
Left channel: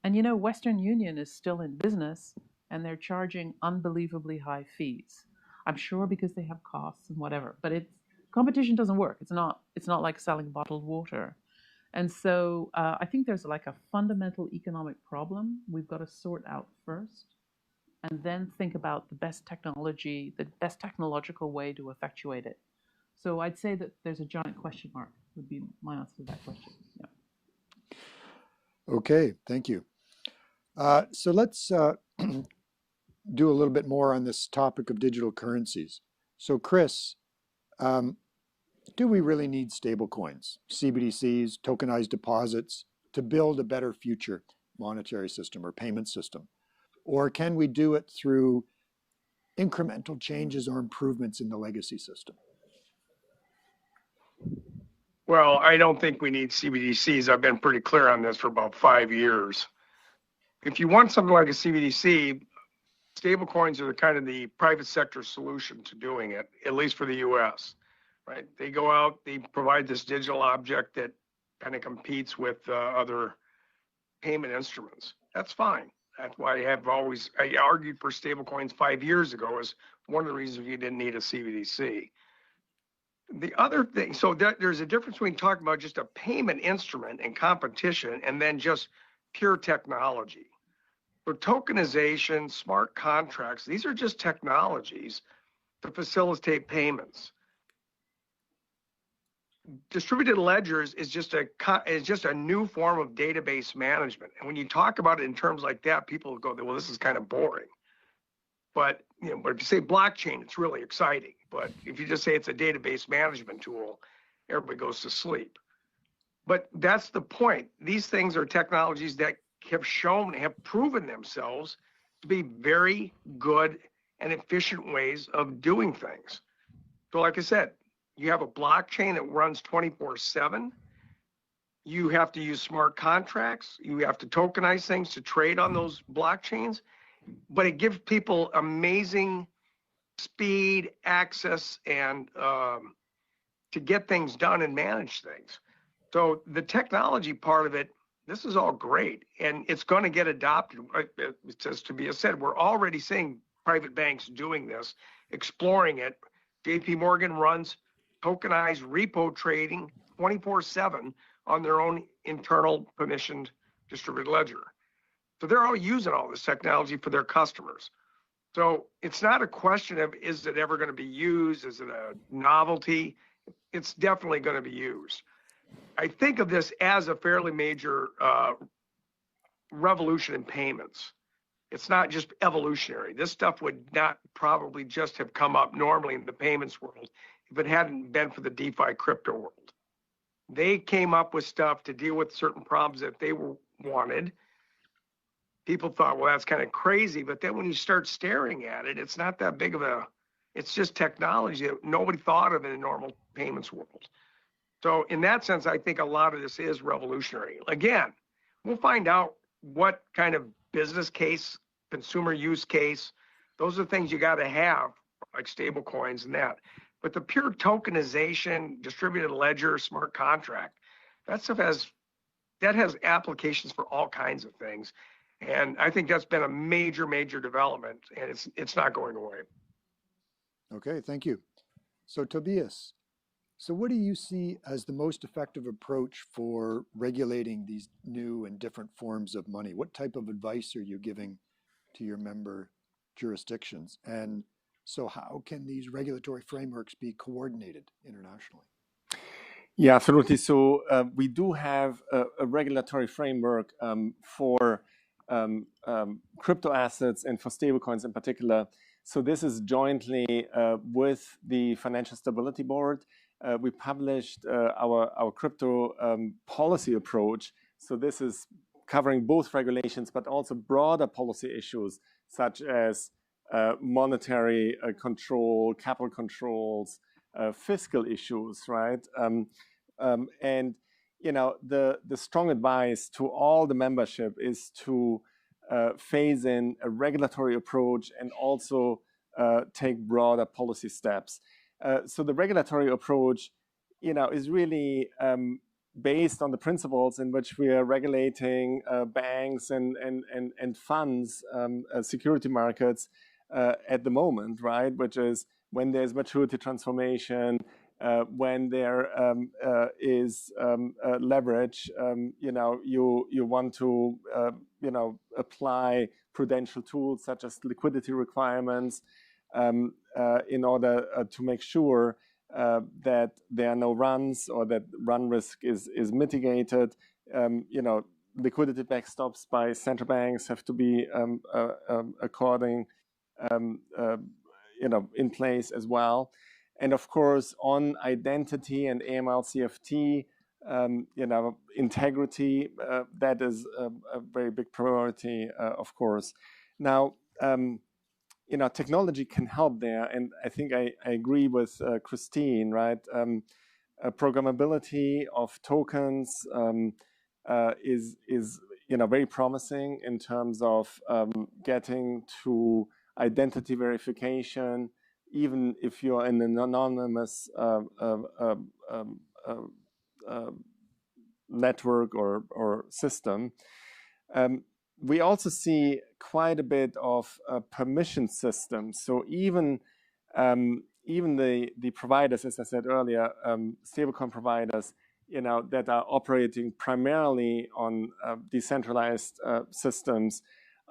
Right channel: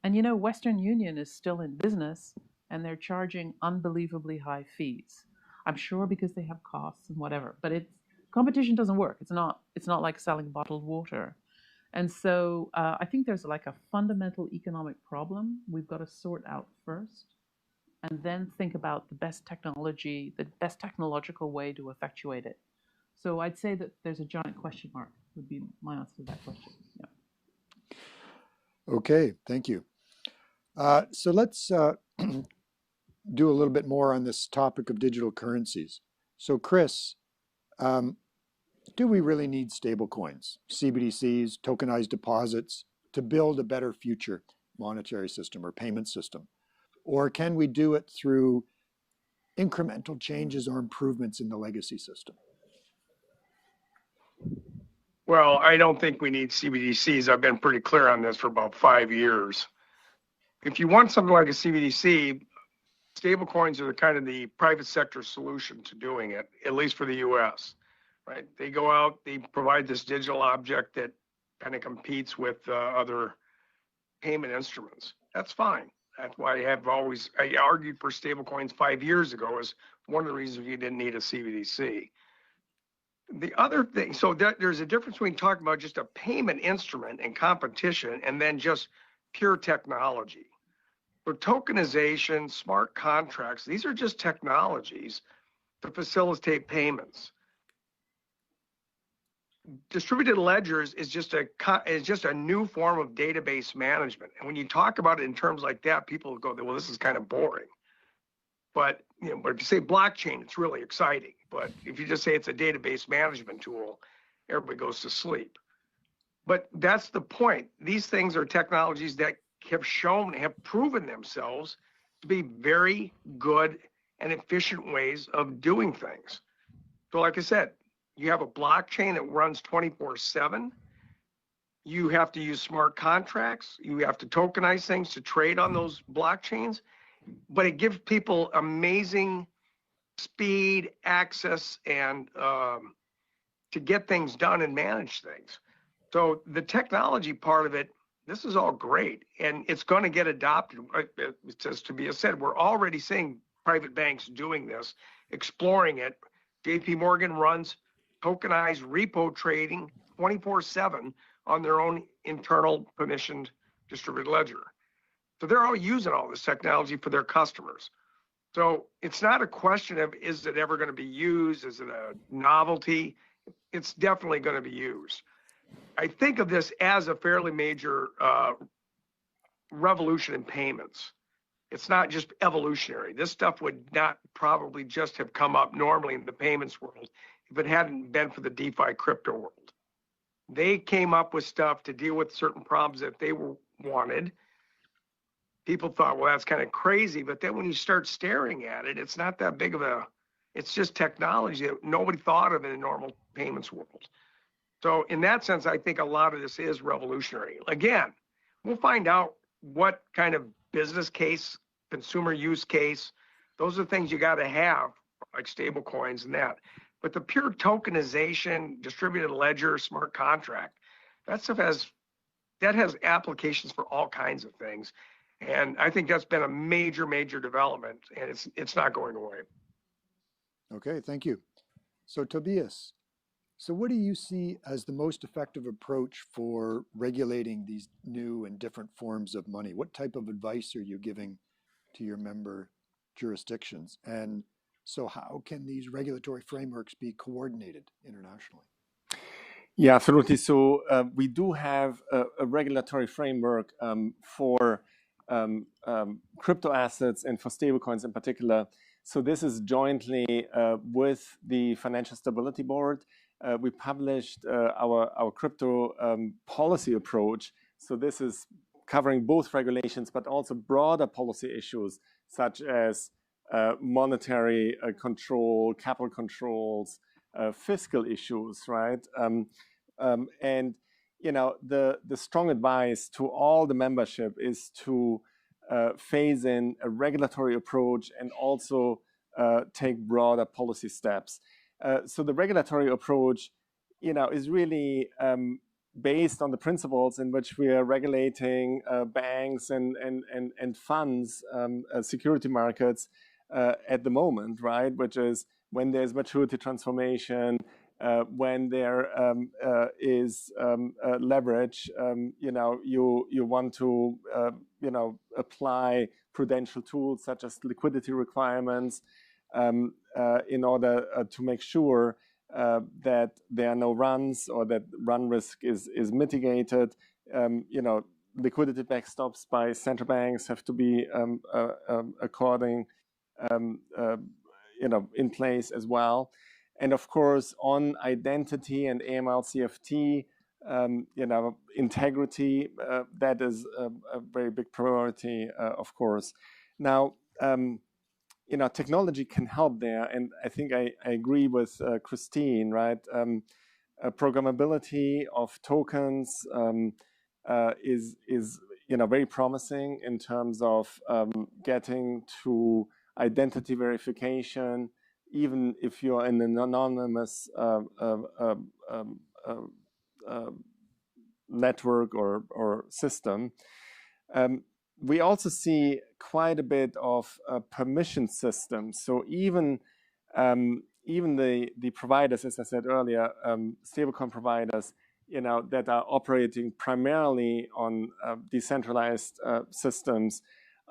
And Western Union is still in business, and they're charging unbelievably high fees. I'm sure because they have costs and whatever, but competition doesn't work. It's not like selling bottled water. And so I think there's like a fundamental economic problem we've got to sort out first, and then think about the best technological way to effectuate it. So I'd say that there's a giant question mark would be my answer to that question. Yeah. Okay, thank you. So let's do a little bit more on this topic of digital currencies. So Chris, do we really need stable coins, CBDCs, tokenized deposits to build a better future monetary system or payment system? Or can we do it through incremental changes or improvements in the legacy system? Well, I don't think we need CBDCs. I've been pretty clear on this for about 5 years. If you want something like a CBDC, stablecoins are kind of the private sector solution to doing it, at least for the US, right? They go out, they provide this digital object that kind of competes with other payment instruments. That's fine. That's why I argued for stablecoins 5 years ago as one of the reasons you didn't need a CBDC. The other thing, so there's a difference between talking about just a payment instrument and competition and then just pure technology. So tokenization, smart contracts, these are just technologies to facilitate payments. Distributed ledgers is just a new form of database management. And when you talk about it in terms like that, people go, well, this is kind of boring. But but if you say blockchain, it's really exciting. But if you just say it's a database management tool, everybody goes to sleep. But that's the point. These things are technologies that have proven themselves to be very good and efficient ways of doing things. So like I said, you have a blockchain that runs 24/7. You have to use smart contracts. You have to tokenize things to trade on those blockchains. but it gives people amazing speed, access, and to get things done and manage things. So the technology part of it, this is all great, and it's going to get adopted. Just to be said, we're already seeing private banks doing this, exploring it. JP Morgan runs tokenized repo trading 24/7 on their own internal permissioned distributed ledger. So they're all using all this technology for their customers. So it's not a question of, is it ever going to be used? Is it a novelty? It's definitely going to be used. I think of this as a fairly major revolution in payments. It's not just evolutionary. This stuff would not probably just have come up normally in the payments world if it hadn't been for the DeFi crypto world. They came up with stuff to deal with certain problems that they wanted. People thought, well, that's kind of crazy. But then when you start staring at it, it's not that big of a, it's just technology that nobody thought of in a normal payments world. So in that sense, I think a lot of this is revolutionary. Again, we'll find out what kind of business case, consumer use case, those are things you got to have, like stable coins and that. But the pure tokenization, distributed ledger, smart contract, that stuff has applications for all kinds of things. And I think that's been a major, major development, and it's not going away. Okay, thank you. So Tobias, so what do you see as the most effective approach for regulating these new and different forms of money? What type of advice are you giving to your member jurisdictions? And so how can these regulatory frameworks be coordinated internationally? Yeah, absolutely. So we do have a regulatory framework for crypto assets and for stablecoins in particular. So this is jointly with the Financial Stability Board. We published our crypto policy approach. So this is covering both regulations, but also broader policy issues such as monetary control, capital controls, fiscal issues, right? And you know, the strong advice to all the membership is to phase in a regulatory approach and also take broader policy steps. So the regulatory approach, you know, is really based on the principles in which we are regulating banks and funds, security markets at the moment, right? Which is when there's maturity transformation, when there is leverage, you know, you want to, you know, apply prudential tools such as liquidity requirements in order to make sure that there are no runs or that run risk is mitigated. You know, liquidity backstops by central banks have to be according, you know, in place as well. And of course, on identity and AML/CFT, you know, integrity, that is a very big priority, of course. Now, you know, technology can help there, and I think I agree with Christine, right? Programmability of tokens is you know, very promising in terms of getting to identity verification, even if you're in an anonymous network or system. We also see quite a bit of permission systems. So even the providers, as I said earlier, stablecoin providers, you know, that are operating primarily on decentralized systems,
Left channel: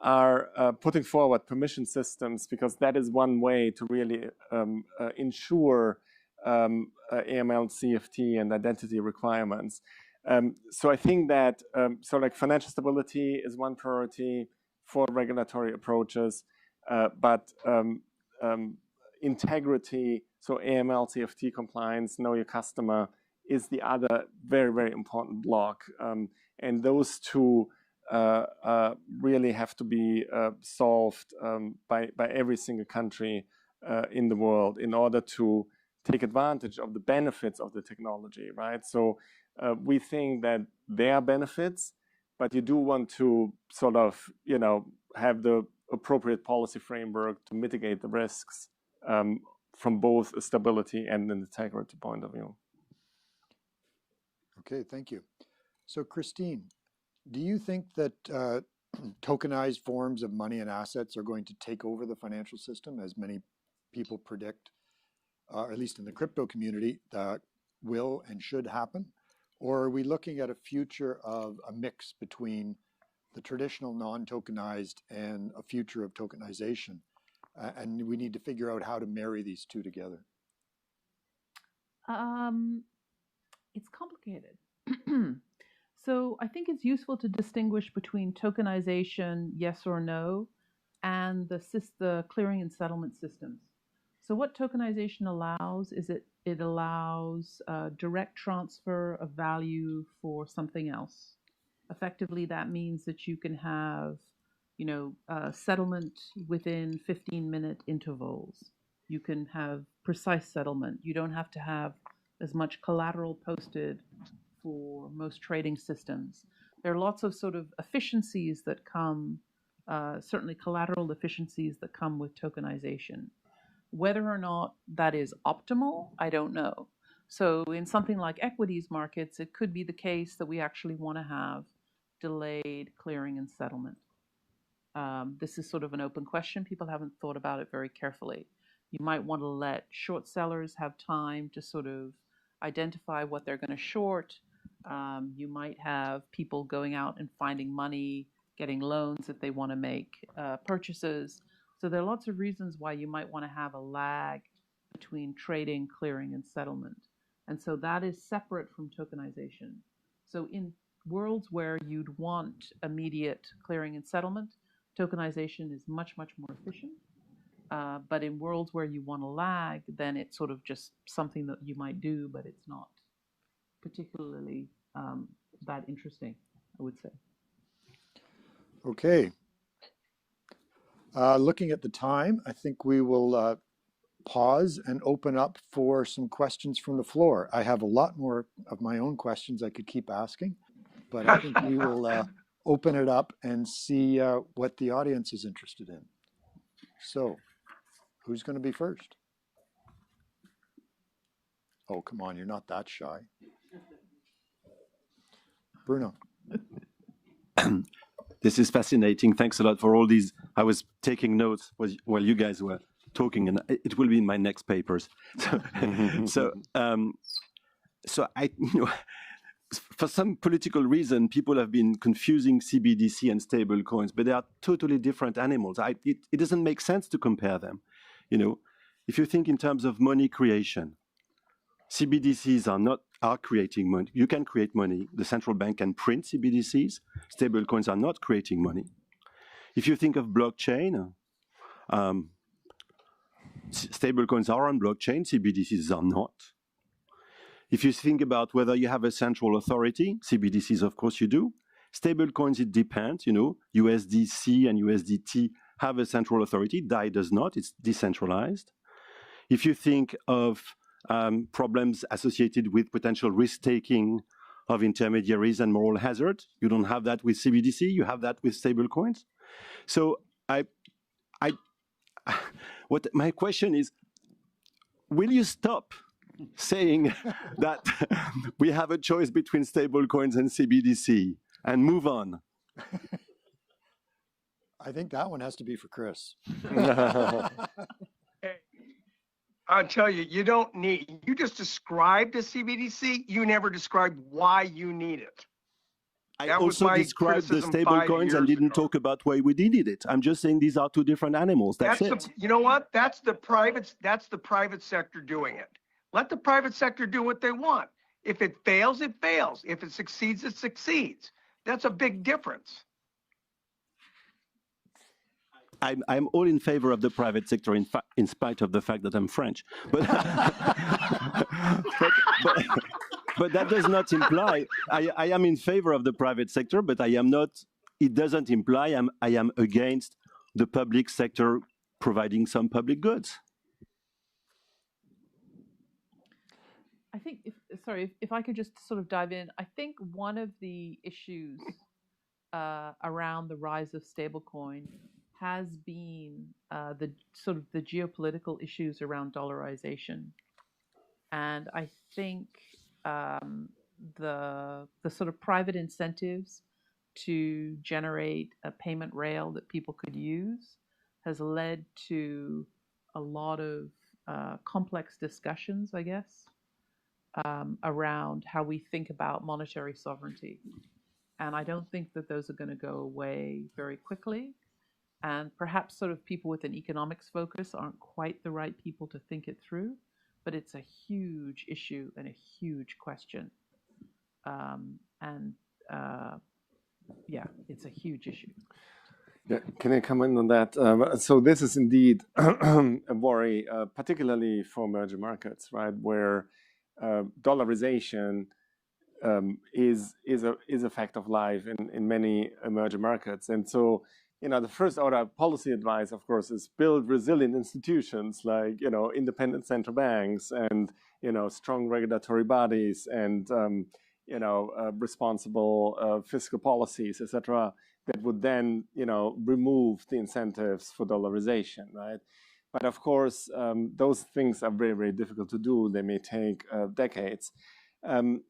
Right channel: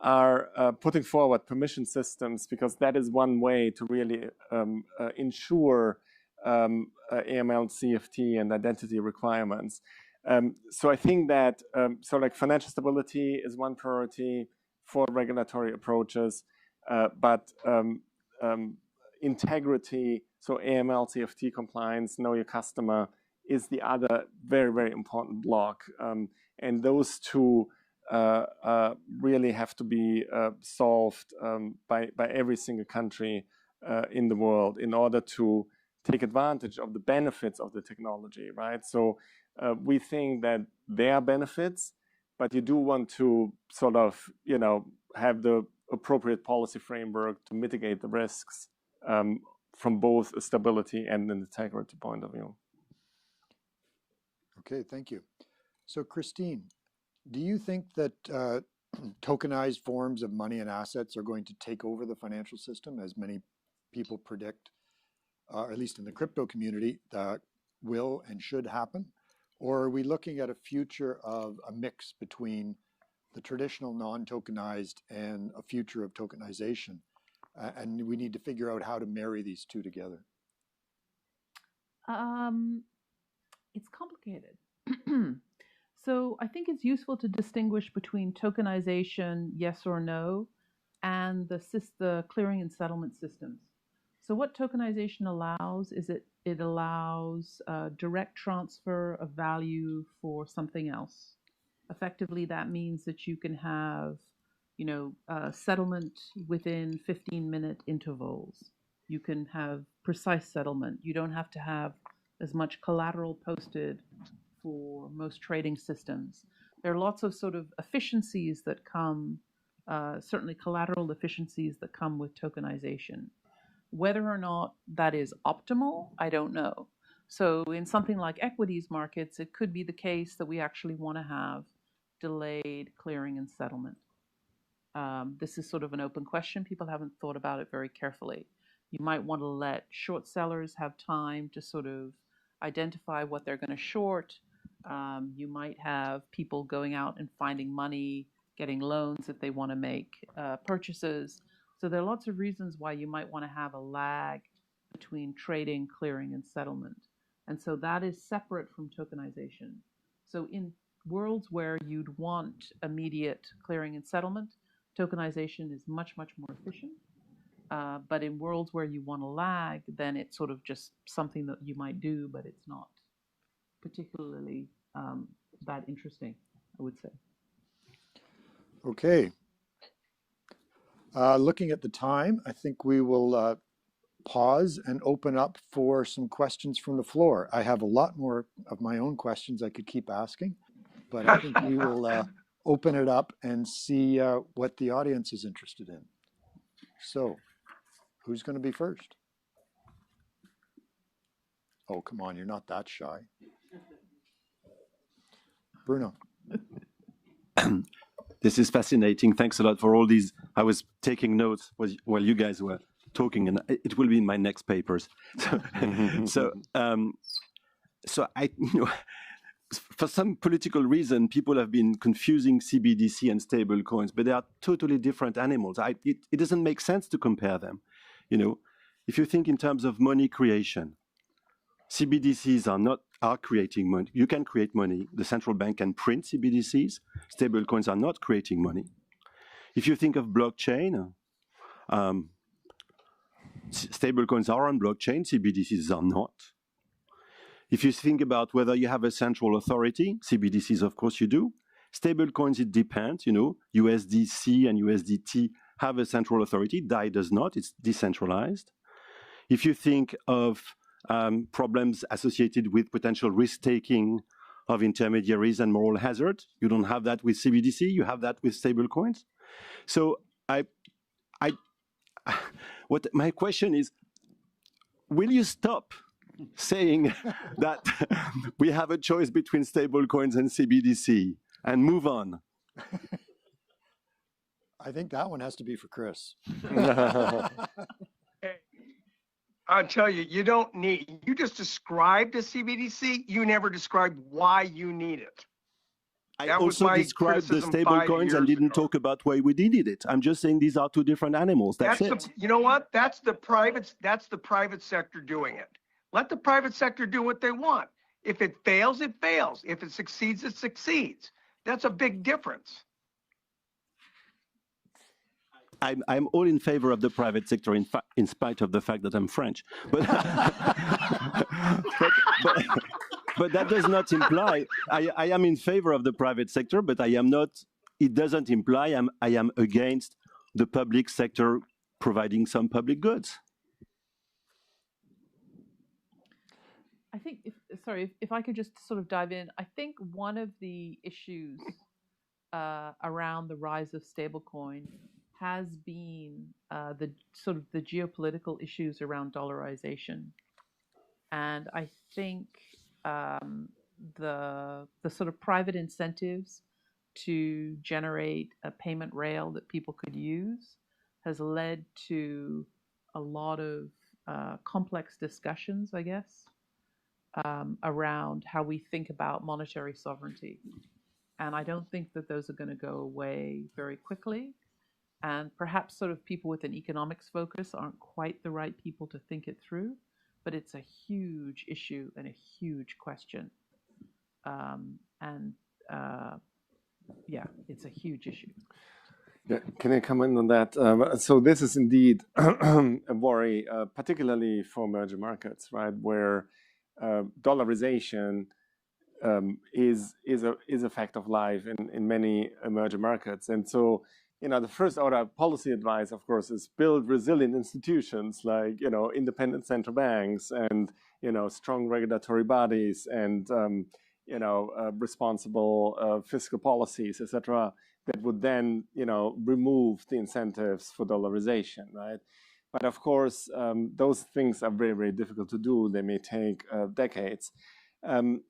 are putting forward permission systems, because that is one way to really ensure AML, CFT, and identity requirements. So I think that so like financial stability is one priority for regulatory approaches, but integrity, so AML, CFT compliance, know your customer, is the other very, very important block. And those two really have to be solved by every single country in the world in order to take advantage of the benefits of the technology, right? So we think that there are benefits, but you do want to sort of, you know, have the appropriate policy framework to mitigate the risks from both a stability and an integrity point of view. Okay, thank you. So Christine, do you think that tokenized forms of money and assets are going to take over the financial system, as many people predict, at least in the crypto community, that will and should happen? Or are we looking at a future of a mix between the traditional non-tokenized and a future of tokenization? And we need to figure out how to marry these two together. It's complicated. So I think it's useful to distinguish between tokenization, yes or no, and the clearing and settlement systems. So what tokenization allows is it allows direct transfer of value for something else. Effectively, that means that you can have, settlement within 15-minute intervals. You can have precise settlement. You don't have to have as much collateral posted for most trading systems. There are lots of sort of efficiencies that come, certainly collateral efficiencies that come with tokenization. Whether or not that is optimal, I don't know. So in something like equities markets, it could be the case that we actually want to have delayed clearing and settlement. This is sort of an open question. People haven't thought about it very carefully. You might want to let short sellers have time to sort of identify what they're going to short. You might have people going out and finding money, getting loans if they want to make purchases. So there are lots of reasons why you might want to have a lag between trading, clearing, and settlement. And so that is separate from tokenization. So in worlds where you'd want immediate clearing and settlement, tokenization is much, much more efficient. But in worlds where you want a lag, then it's sort of just something that you might do, but it's not particularly that interesting, I would say. Okay. Looking at the time, I think we will pause and open up for some questions from the floor. I have a lot more of my own questions I could keep asking, but I think we will open it up and see what the audience is interested in. So, who's going to be first? Oh, come on, you're not that shy. Bruno. This is fascinating. Thanks a lot for all these. I was taking notes while you guys were talking, and it will be in my next papers. So I, for some political reason, people have been confusing CBDC and stable coins, but they are totally different animals. It doesn't make sense to compare them. If you think in terms of money creation, CBDCs are creating money. You can create money. The central bank can print CBDCs. Stable coins are not creating money. If you think of blockchain, stable coins are on blockchain, CBDCs are not. If you think about whether you have a central authority, CBDCs, of course you do. Stable coins, it depends. USDC and USDT have a central authority. DAI does not. It's decentralized. If you think of problems associated with potential risk-taking of intermediaries and moral hazard, you don't have that with CBDC. You have that with stable coins. So what my question is, will you stop saying that we have a choice between stable coins and CBDC and move on? I think that one has to be for Chris. I'll tell you, you just described a CBDC. You never described why you need it. I also described the stable coins and didn't talk about why we needed it. I'm just saying these are two different animals. That's it. You know what? That's the private sector doing it. Let the private sector do what they want. If it fails, it fails. If it succeeds, it succeeds. That's a big difference. I'm all in favor of the private sector, in spite of the fact that I'm French. But but that does not imply I am in favor of the private sector, but I am not. It doesn't imply I am against the public sector providing some public goods. I think, if I could just sort of dive in, I think one of the issues around the rise of stablecoin has been the sort of the geopolitical issues around dollarization, and I think the sort of private incentives to generate a payment rail that people could use has led to a lot of complex discussions, I guess, around how we think about monetary sovereignty. And I don't think that those are going to go away very quickly. And perhaps sort of people with an economics focus aren't quite the right people to think it through, but it's a huge issue and a huge question. Yeah, it's a huge issue. Yeah, can I come in on that? So this is indeed a worry, particularly for emerging markets, right, where dollarization is a fact of life in many emerging markets. And so, the first order policy advice, of course, is build resilient institutions like, independent central banks and, strong regulatory bodies and, responsible fiscal policies, etc., that would then, remove the incentives for dollarization, right? But of course, those things are very, very difficult to do. They may take decades.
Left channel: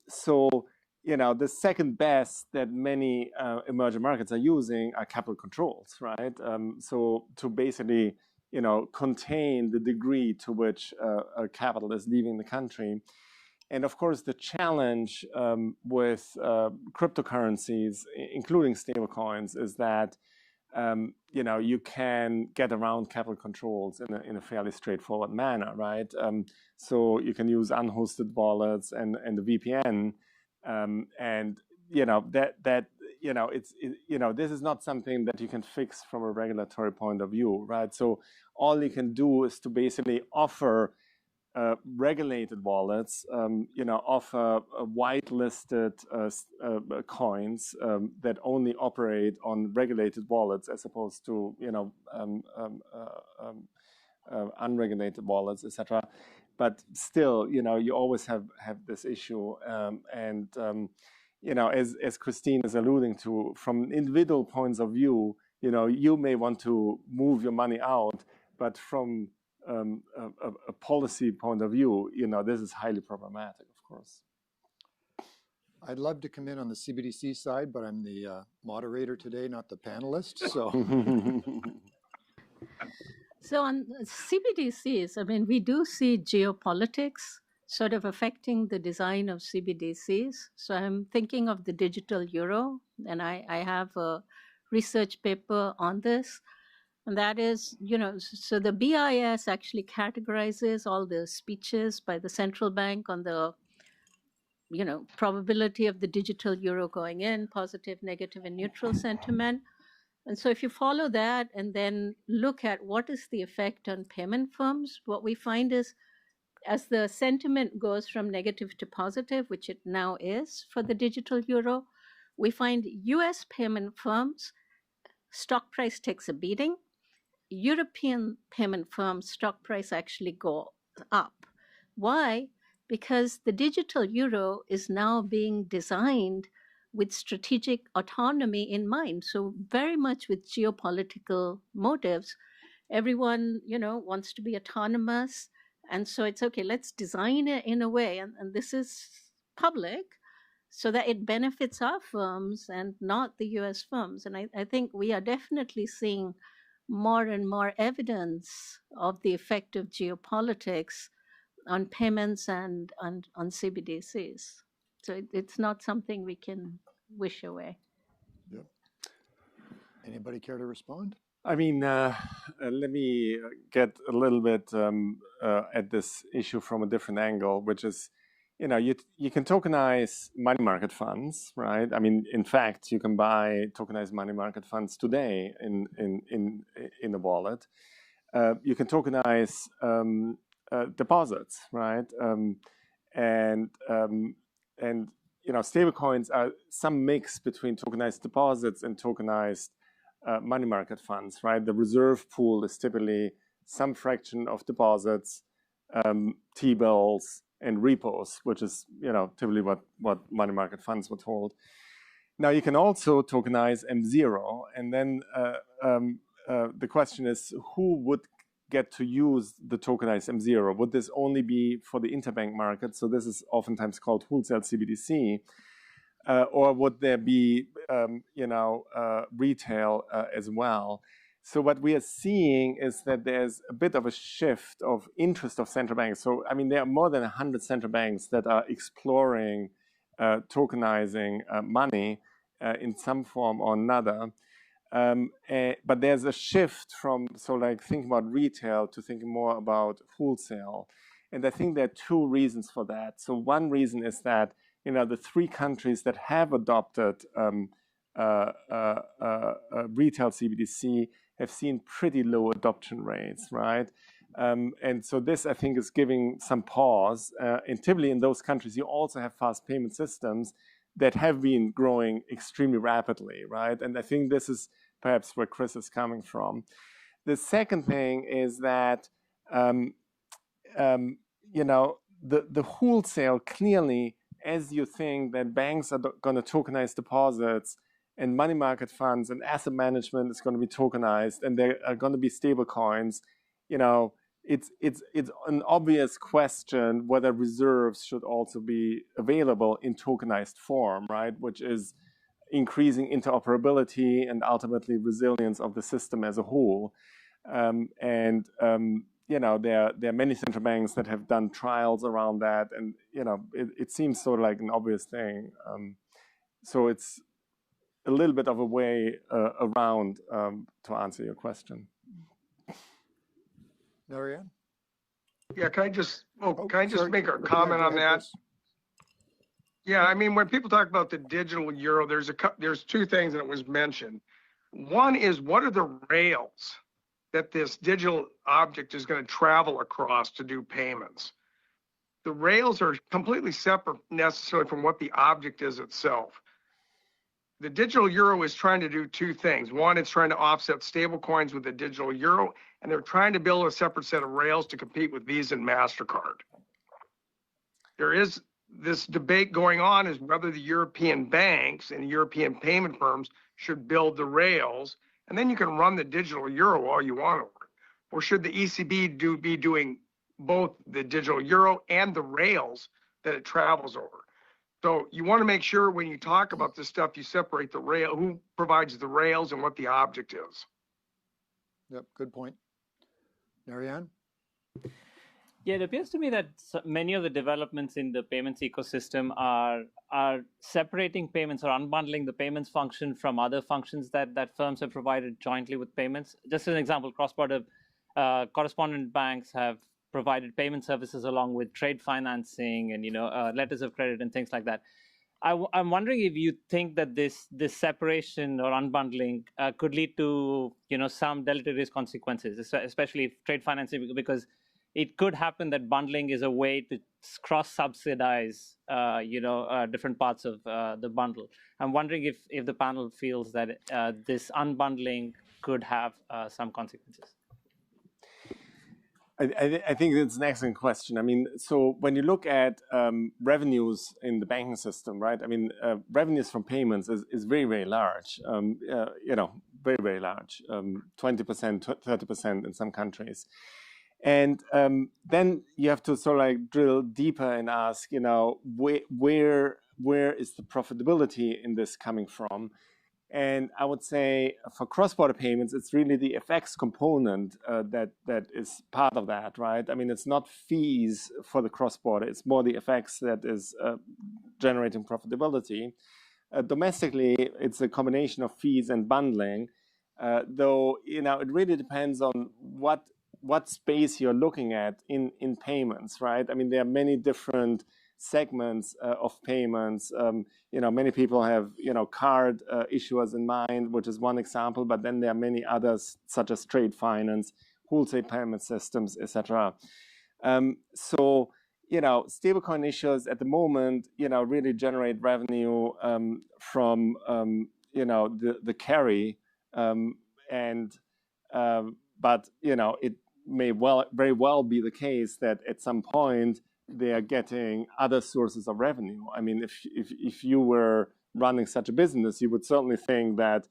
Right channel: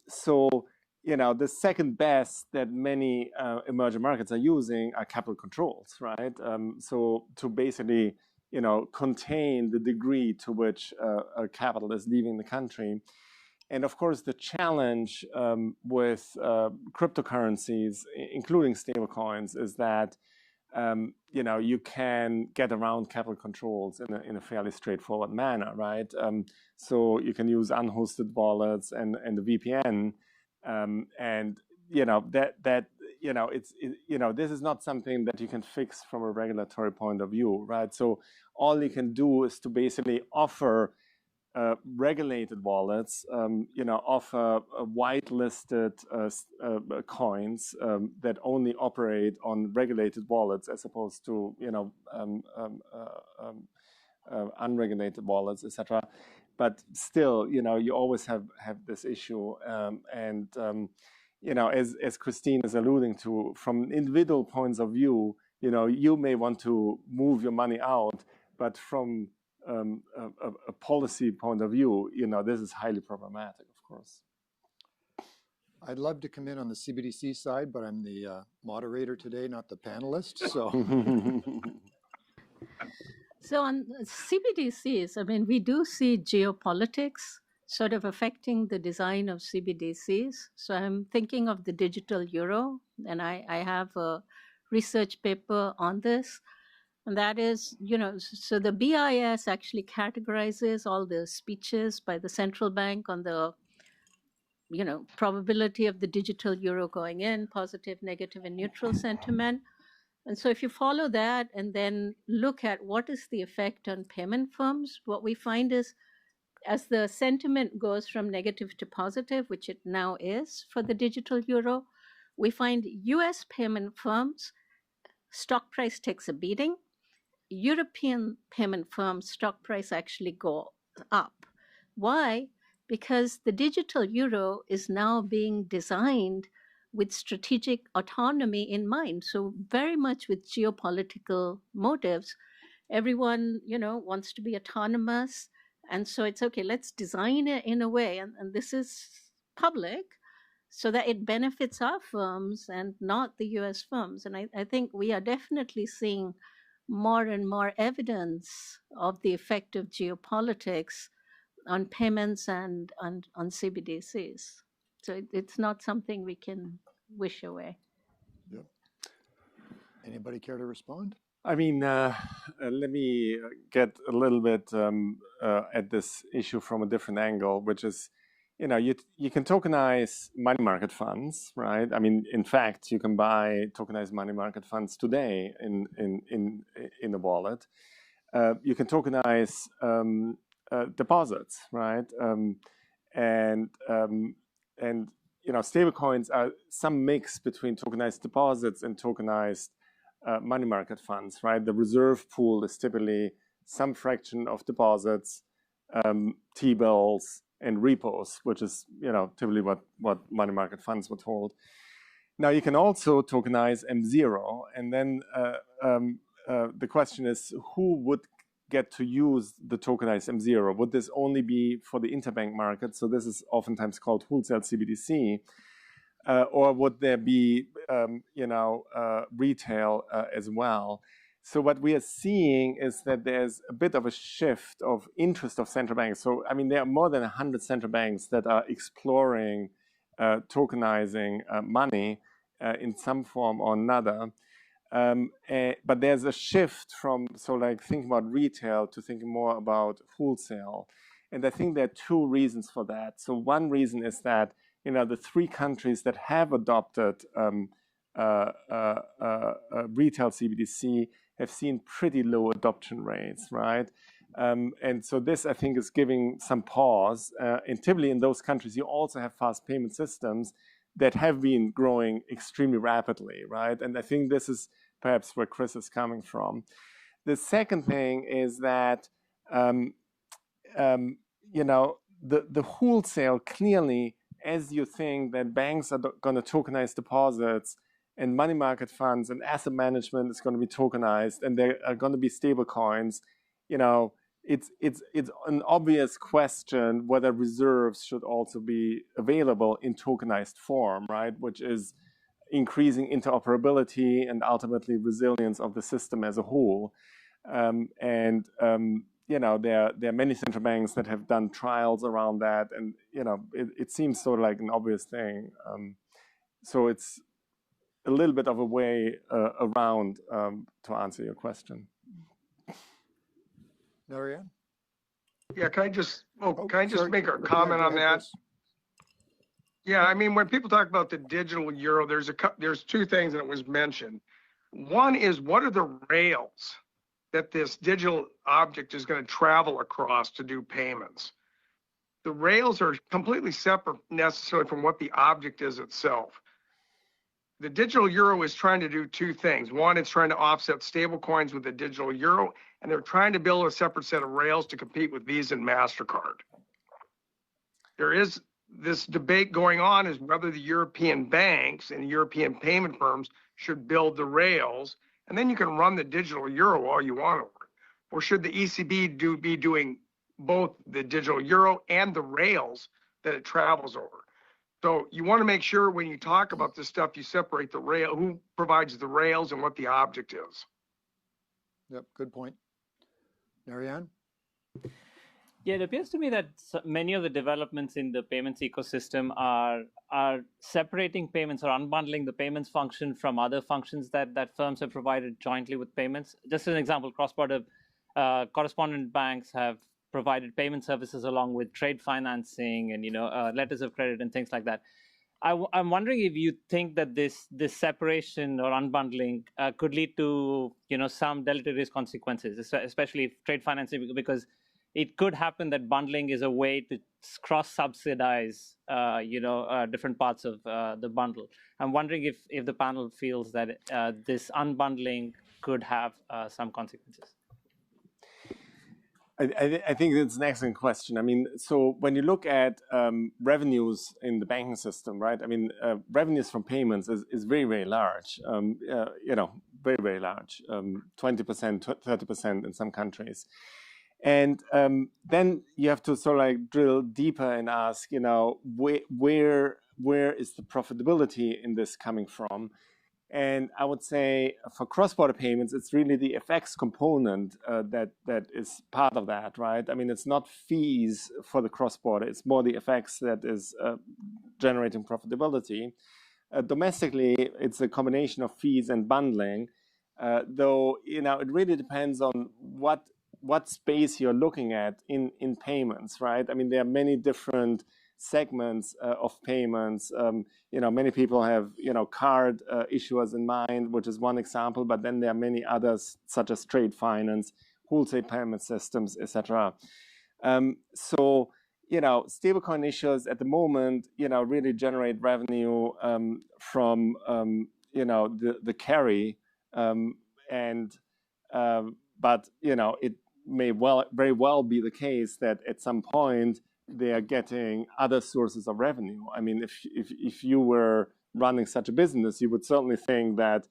So, the second best that many emerging markets are using are capital controls, right? So to basically, contain the degree to which capital is leaving the country. And of course, the challenge with cryptocurrencies, including stablecoins, is that you can get around capital controls in a fairly straightforward manner, right? So you can use unhosted wallets and the VPN, and this is not something that you can fix from a regulatory point of view, right? So all you can do is to basically offer regulated wallets, offer whitelisted coins that only operate on regulated wallets as opposed to, unregulated wallets, etc. But still, you always have this issue. As Christine is alluding to, from individual points of view, you may want to move your money out, but from a policy point of view, this is highly problematic, of course. I'd love to come in on the CBDC side, but I'm the moderator today, not the panelist. So, so on CBDCs, I mean, we do see geopolitics sort of affecting the design of CBDCs. So I'm thinking of the digital euro, and I have a research paper on this. And that is, so the BIS actually categorizes all the speeches by the central bank on the, probability of the digital euro going in, positive, negative, and neutral sentiment. And so if you follow that and then look at what is the effect on payment firms, what we find is as the sentiment goes from negative to positive, which it now is for the digital euro, we find US payment firms, stock price takes a beating. European payment firms' stock price actually go up. Why? Because the digital euro is now being designed with strategic autonomy in mind. So very much with geopolitical motives. Everyone, wants to be autonomous. And so it's okay, let's design it in a way, and this is public, so that it benefits our firms and not the US firms. And I think we are definitely seeing more and more evidence of the effect of geopolitics on payments and on CBDCs. So it's not something we can wish away. Yep. Anybody care to respond? I mean, let me get a little bit at this issue from a different angle, which is, you can tokenize money market funds, right? I mean, in fact, you can buy tokenized money market funds today in the wallet. You can tokenize deposits, right? And stablecoins are some mix between tokenized deposits and tokenized money market funds, right? The reserve pool is typically some fraction of deposits, T-bills, and repos, which is typically what money market funds would hold. Now you can also tokenize M0, and then the question is, who would get to use the tokenized M0? Would this only be for the interbank market? So this is oftentimes called wholesale CBDC. Or would there be, retail as well? So what we are seeing is that there's a bit of a shift of interest of central banks. So, I mean, there are more than 100 central banks that are exploring tokenizing money in some form or another. But there's a shift from, thinking about retail to thinking more about wholesale. And I think there are two reasons for that. So one reason is that, the three countries that have adopted retail CBDC have seen pretty low adoption rates, right? And so this, I think, is giving some pause. And typically in those countries, you also have fast payment systems that have been growing extremely rapidly, right? And I think this is perhaps where Chris is coming from. The second thing is that, the wholesale clearly, as you think that banks are going to tokenize deposits and money market funds and asset management is going to be tokenized and there are going to be stable coins, it's an obvious question whether reserves should also be available in tokenized form, right? Which is increasing interoperability and ultimately resilience of the system as a whole. There are many central banks that have done trials around that, and it seems sort of like an obvious thing. So it's a little bit of a way around to answer your question. Marianne? Yeah, can I just make a comment on that? Chris. Yeah, I mean, when people talk about the digital euro, there's two things that was mentioned. One is, what are the rails that this digital object is going to travel across to do payments? The rails are completely separate necessarily from what the object is itself. The digital euro is trying to do two things. One, it's trying to offset stable coins with the digital euro, and they're trying to build a separate set of rails to compete with Visa and MasterCard. There is this debate going on is whether the European banks and the European payment firms should build the rails, and then you can run the digital euro all you want over it. Or should the ECB be doing both the digital euro and the rails that it travels over? So you want to make sure when you talk about this stuff, you separate the rail, who provides the rails and what the object is. Yep, good point. Marianne? Yeah, it appears to me that many of the developments in the payments ecosystem are separating payments or unbundling the payments function from other functions that firms have provided jointly with payments. Just as an example, cross-border correspondent banks have provided payment services along with trade financing and letters of credit and things like that. I'm wondering if you think that this separation or unbundling could lead to some deleterious consequences, especially if trade financing, because it could happen that bundling is a way to cross-subsidize, different parts of the bundle. I'm wondering if the panel feels that this unbundling could have some consequences. I think it's an excellent question. I mean, so when you look at revenues in the banking system, right? I mean, revenues from payments is very, very large. Very, very large. 20%, 30% in some countries. And then you have to sort of like drill deeper and ask, where is the profitability in this coming from? And I would say for cross-border payments, it's really the FX component that is part of that, right? I mean, it's not fees for the cross-border. It's more the FX that is generating profitability. Domestically, it's a combination of fees and bundling, though, it really depends on what space you're looking at in payments, right? I mean, there are many different segments of payments. Many people have, card issuers in mind, which is one example, but then there are many others, such as trade finance, wholesale payment systems, etc. So, stablecoin issuers at the moment, really generate revenue from, the carry, but, it may very well be the case that at some point they are getting other sources of revenue. I mean, if you were running such a business, you would certainly think that,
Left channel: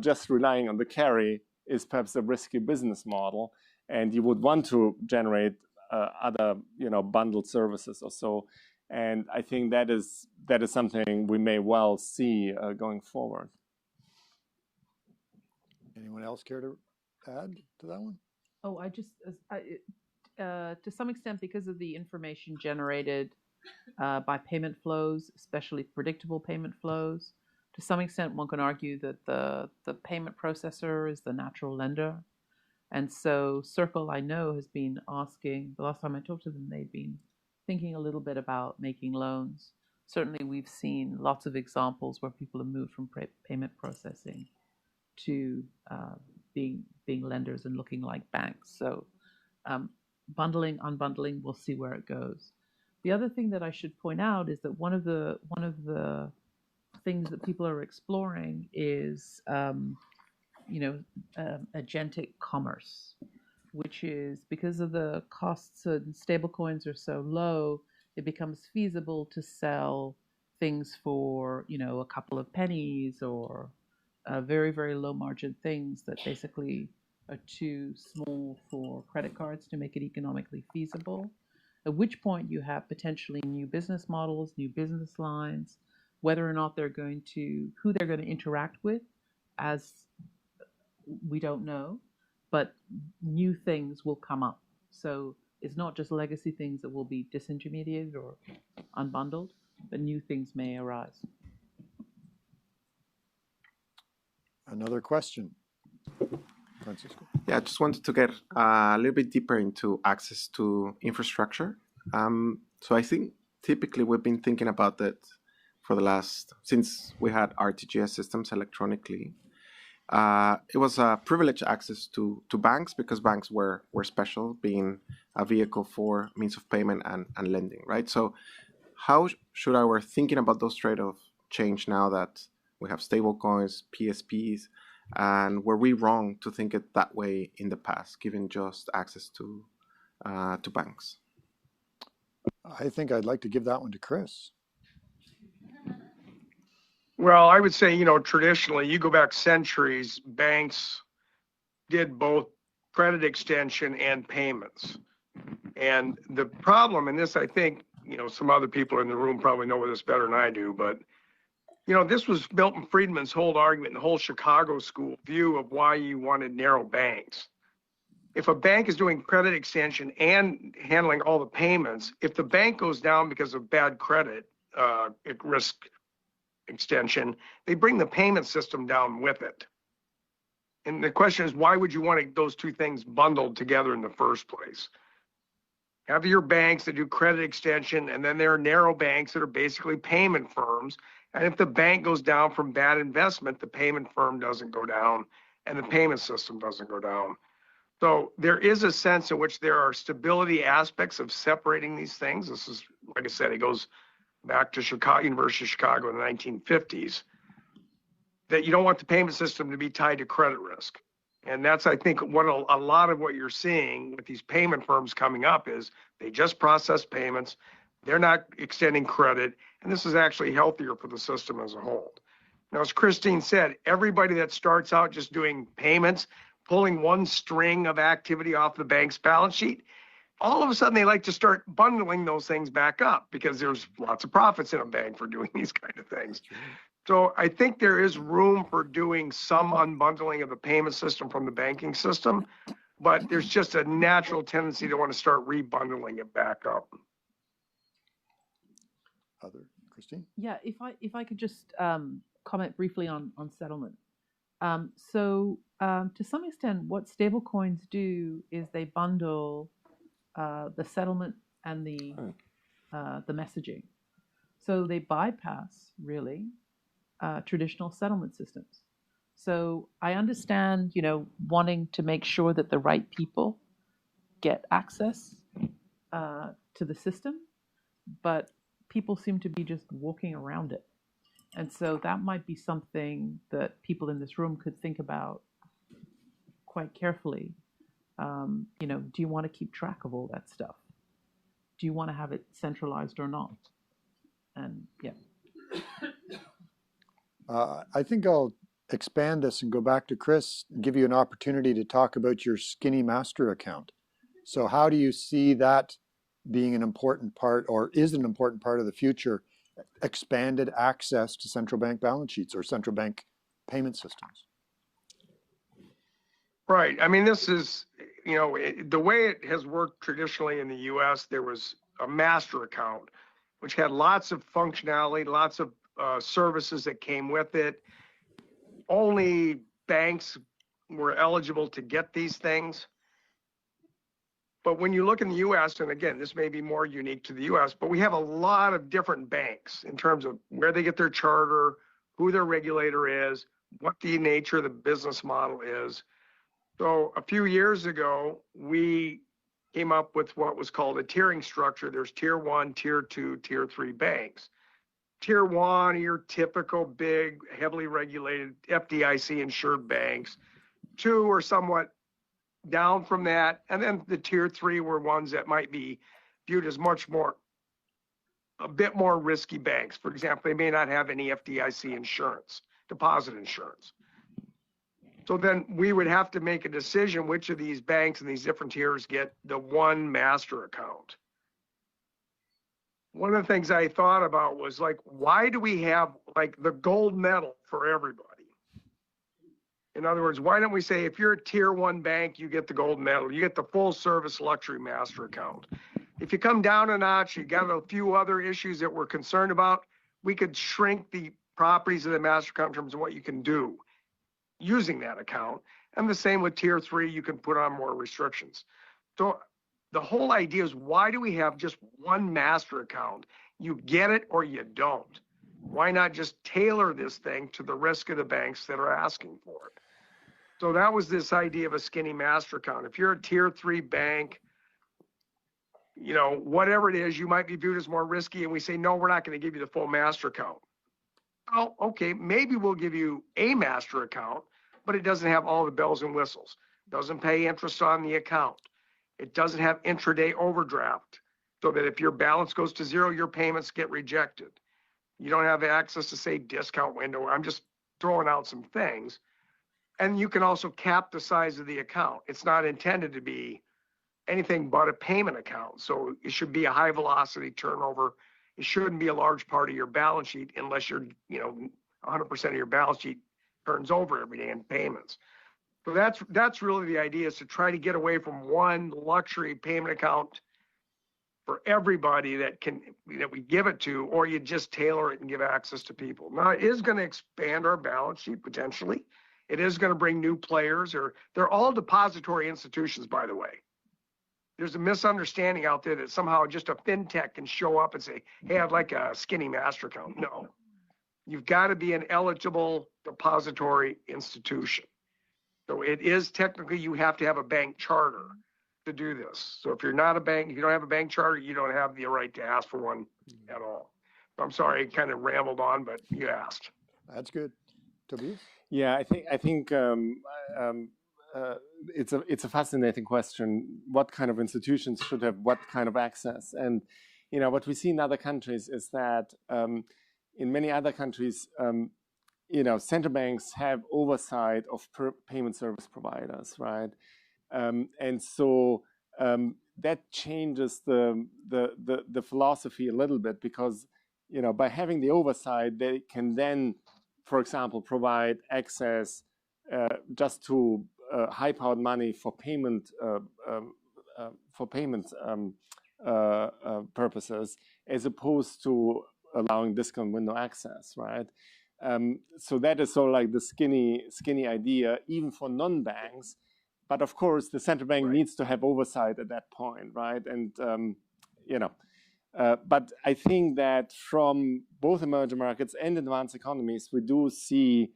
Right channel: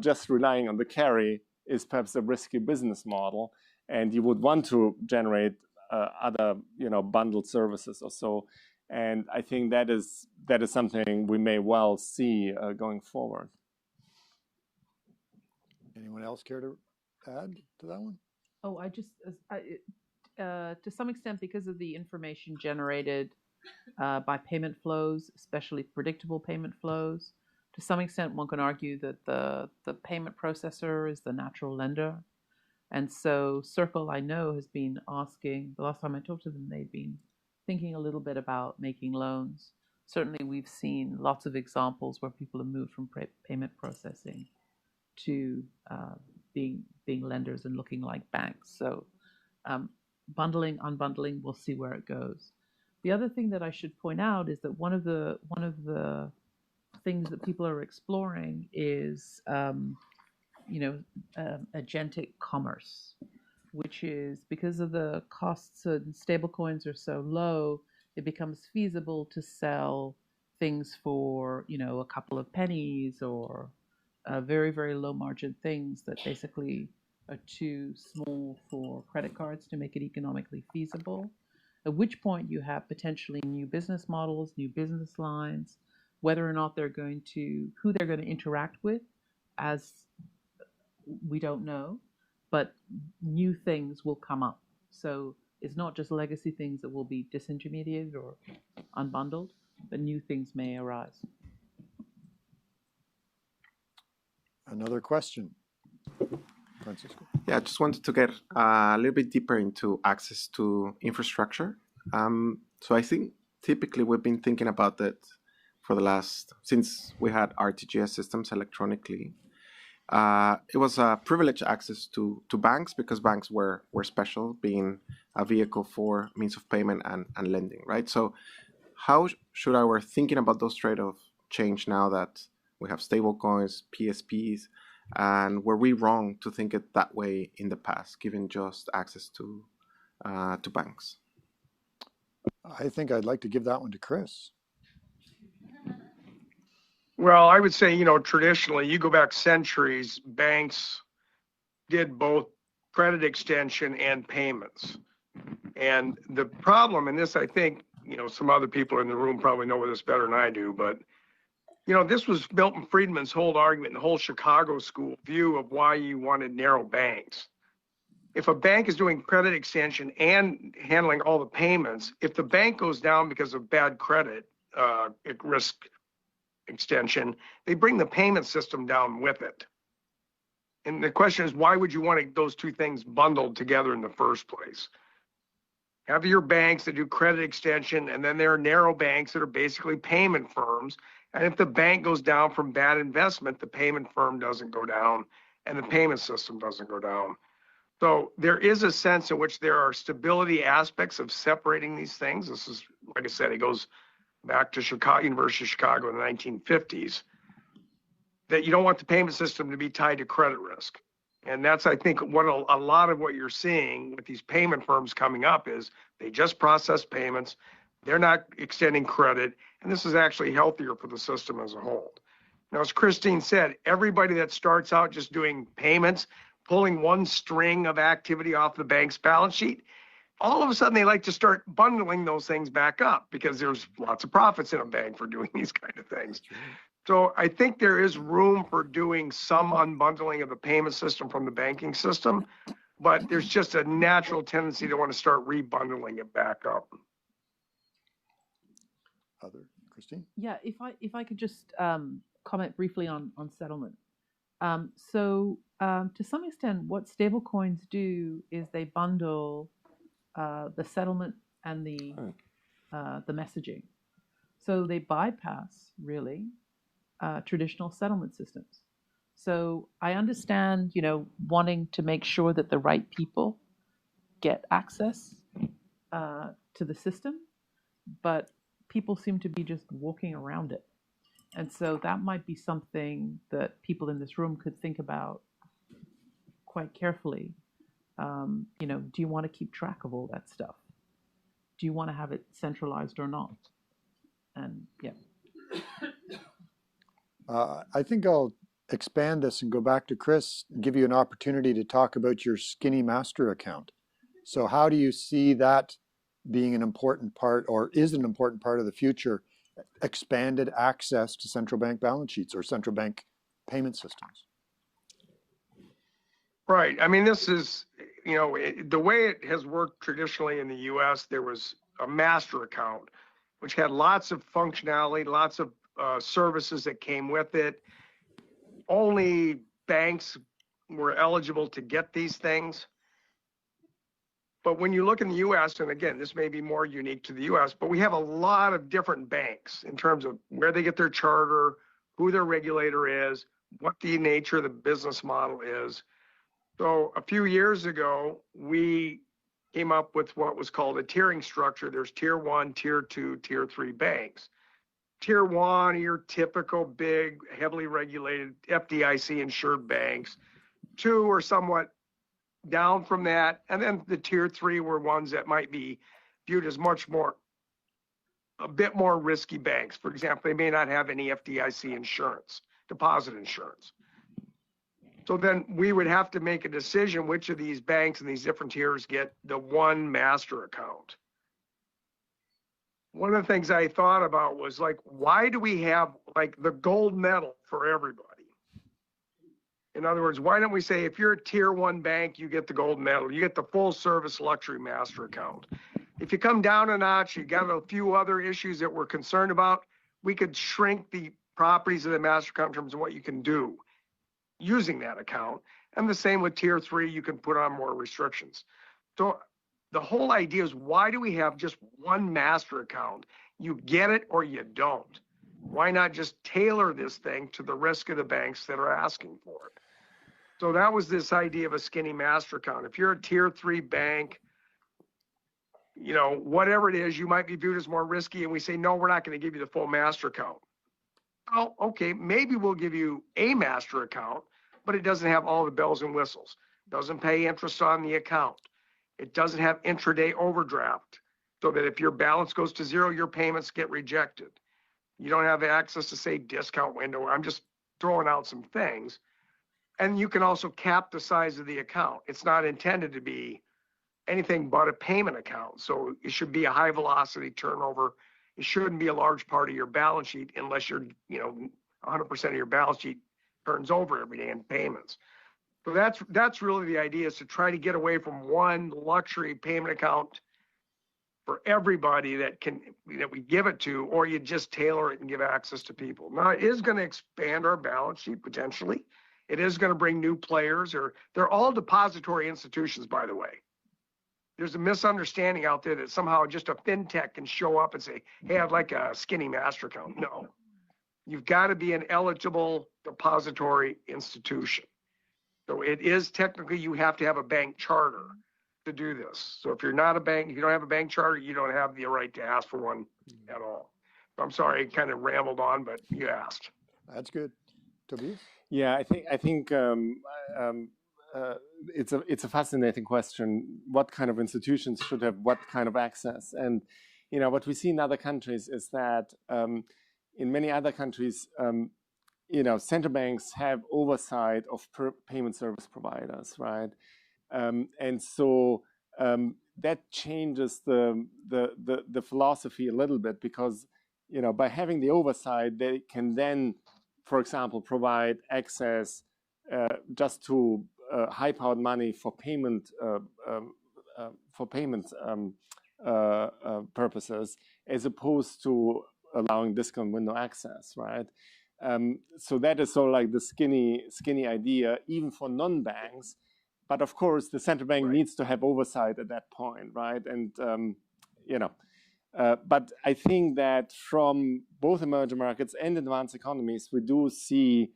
just relying on the carry is perhaps a risky business model, and you would want to generate other, bundled services or so. And I think that is something we may well see going forward. Anyone else care to add to that one? Oh, to some extent, because of the information generated by payment flows, especially predictable payment flows, to some extent, one can argue that the payment processor is the natural lender. And so Circle, I know, has been asking, the last time I talked to them, they've been thinking a little bit about making loans. Certainly, we've seen lots of examples where people have moved from payment processing to being lenders and looking like banks. So bundling, unbundling, we'll see where it goes. The other thing that I should point out is that one of the things that people are exploring is agentic commerce, which is, because of the costs and stablecoins are so low, it becomes feasible to sell things for a couple of pennies, or very, very low margin things that basically are too small for credit cards to make it economically feasible. At which point you have potentially new business models, new business lines, whether or not who they're going to interact with, as we don't know, but new things will come up. So it's not just legacy things that will be disintermediated or unbundled, but new things may arise. Another question, Francisco? Yeah, I just wanted to get a little bit deeper into access to infrastructure. So I think typically we've been thinking about that since we had RTGS systems electronically. It was a privileged access to banks, because banks were special, being a vehicle for means of payment and lending, right? So how should our thinking about those trade-offs change now that we have stable coins, PSPs, and were we wrong to think it that way in the past, given just access to banks? I think I'd like to give that one to Chris. Well, I would say, traditionally, you go back centuries, banks did both credit extension and payments. And the problem, and this, I think, some other people in the room probably know this better than I do, but, this was Milton Friedman's whole argument, the whole Chicago school view of why you wanted narrow banks. If a bank is doing credit extension and handling all the payments, if the bank goes down because of bad credit risk extension, they bring the payment system down with it. And the question is, why would you want those two things bundled together in the first place? Have your banks that do credit extension, and then there are narrow banks that are basically payment firms. And if the bank goes down from bad investment, the payment firm doesn't go down and the payment system doesn't go down. So there is a sense in which there are stability aspects of separating these things. This is, like I said, it goes back to University of Chicago in the 1950s, that you don't want the payment system to be tied to credit risk. And that's, I think, a lot of what you're seeing with these payment firms coming up is they just process payments. They're not extending credit. And this is actually healthier for the system as a whole. Now, as Christine said, everybody that starts out just doing payments, pulling one string of activity off the bank's balance sheet, all of a sudden they like to start bundling those things back up, because there's lots of profits in a bank for doing these kind of things. So I think there is room for doing some unbundling of the payment system from the banking system, but there's just a natural tendency to want to start rebundling it back up. Christine? Yeah, if I could just comment briefly on settlement. To some extent, what stablecoins do is they bundle the settlement and the messaging. So they bypass, really, traditional settlement systems. So I understand, wanting to make sure that the right people get access to the system, but people seem to be just walking around it. And so that might be something that people in this room could think about quite carefully. Do you want to keep track of all that stuff? Do you want to have it centralized or not? And yeah. I think I'll expand this and go back to Chris and give you an opportunity to talk about your Skinny Master account. So how do you see that being an important part, or is an important part of the future, expanded access to central bank balance sheets or central bank payment systems? Right. I mean, this is, the way it has worked traditionally in the US, there was a master account, which had lots of functionality, lots of services that came with it. Only banks were eligible to get these things. But when you look in the US, and again, this may be more unique to the US, but we have a lot of different banks in terms of where they get their charter, who their regulator is, what the nature of the business model is. So a few years ago, we came up with what was called a tiering structure. There's tier 1, tier 2, tier 3 banks. Tier 1 are your typical big, heavily regulated FDIC insured banks. 2 are somewhat down from that. And then the tier 3 were ones that might be viewed as a bit more risky banks. For example, they may not have any FDIC insurance, deposit insurance. So then we would have to make a decision which of these banks and these different tiers get the one master account. One of the things I thought about was like, why do we have like the gold medal for everybody? In other words, why don't we say if you're a tier 1 bank, you get the gold medal, you get the full service luxury master account. If you come down a notch, you got a few other issues that we're concerned about, we could shrink the properties of the master account in terms of what you can do using that account. And the same with tier 3, you can put on more restrictions. So the whole idea is, why do we have just one master account? You get it or you don't. Why not just tailor this thing to the risk of the banks that are asking for it? So that was this idea of a skinny master account. If you're a tier 3 bank, whatever it is, you might be viewed as more risky, and we say, no, we're not going to give you the full master account. Oh, okay, maybe we'll give you a master account, but it doesn't have all the bells and whistles. Doesn't pay interest on the account. It doesn't have intraday overdraft, so that if your balance goes to zero, your payments get rejected. You don't have access to, say, discount window. I'm just throwing out some things. And you can also cap the size of the account. It's not intended to be anything but a payment account. So it should be a high velocity turnover. It shouldn't be a large part of your balance sheet unless you're, 100% of your balance sheet turns over every day in payments. So that's really the idea, is to try to get away from one luxury payment account for everybody that we give it to, or you just tailor it and give access to people. Now, it is going to expand our balance sheet potentially. It is going to bring new players, or they're all depository institutions, by the way. There's a misunderstanding out there that somehow just a fintech can show up and say, hey, I'd like a skinny master account. No, you've got to be an eligible depository institution. So it is technically, you have to have a bank charter to do this. So if you're not a bank, if you don't have a bank charter, you don't have the right to ask for one at all. I'm sorry, I kind of rambled on, but you asked. That's good. Tobias? Yeah, I think it's a fascinating question. What kind of institutions should have what kind of access? And what we see in other countries is that in many other countries, central banks have oversight of payment service providers, right? And so that changes the philosophy a little bit, because by having the oversight, they can then, for example, provide access just to high-powered money for payment purposes, as opposed to allowing discount window access, right? So that is sort of like the skinny idea, even for non-banks. But of course, the central bank needs to have oversight at that point, right? And but I think that from both emerging markets and advanced economies, we do see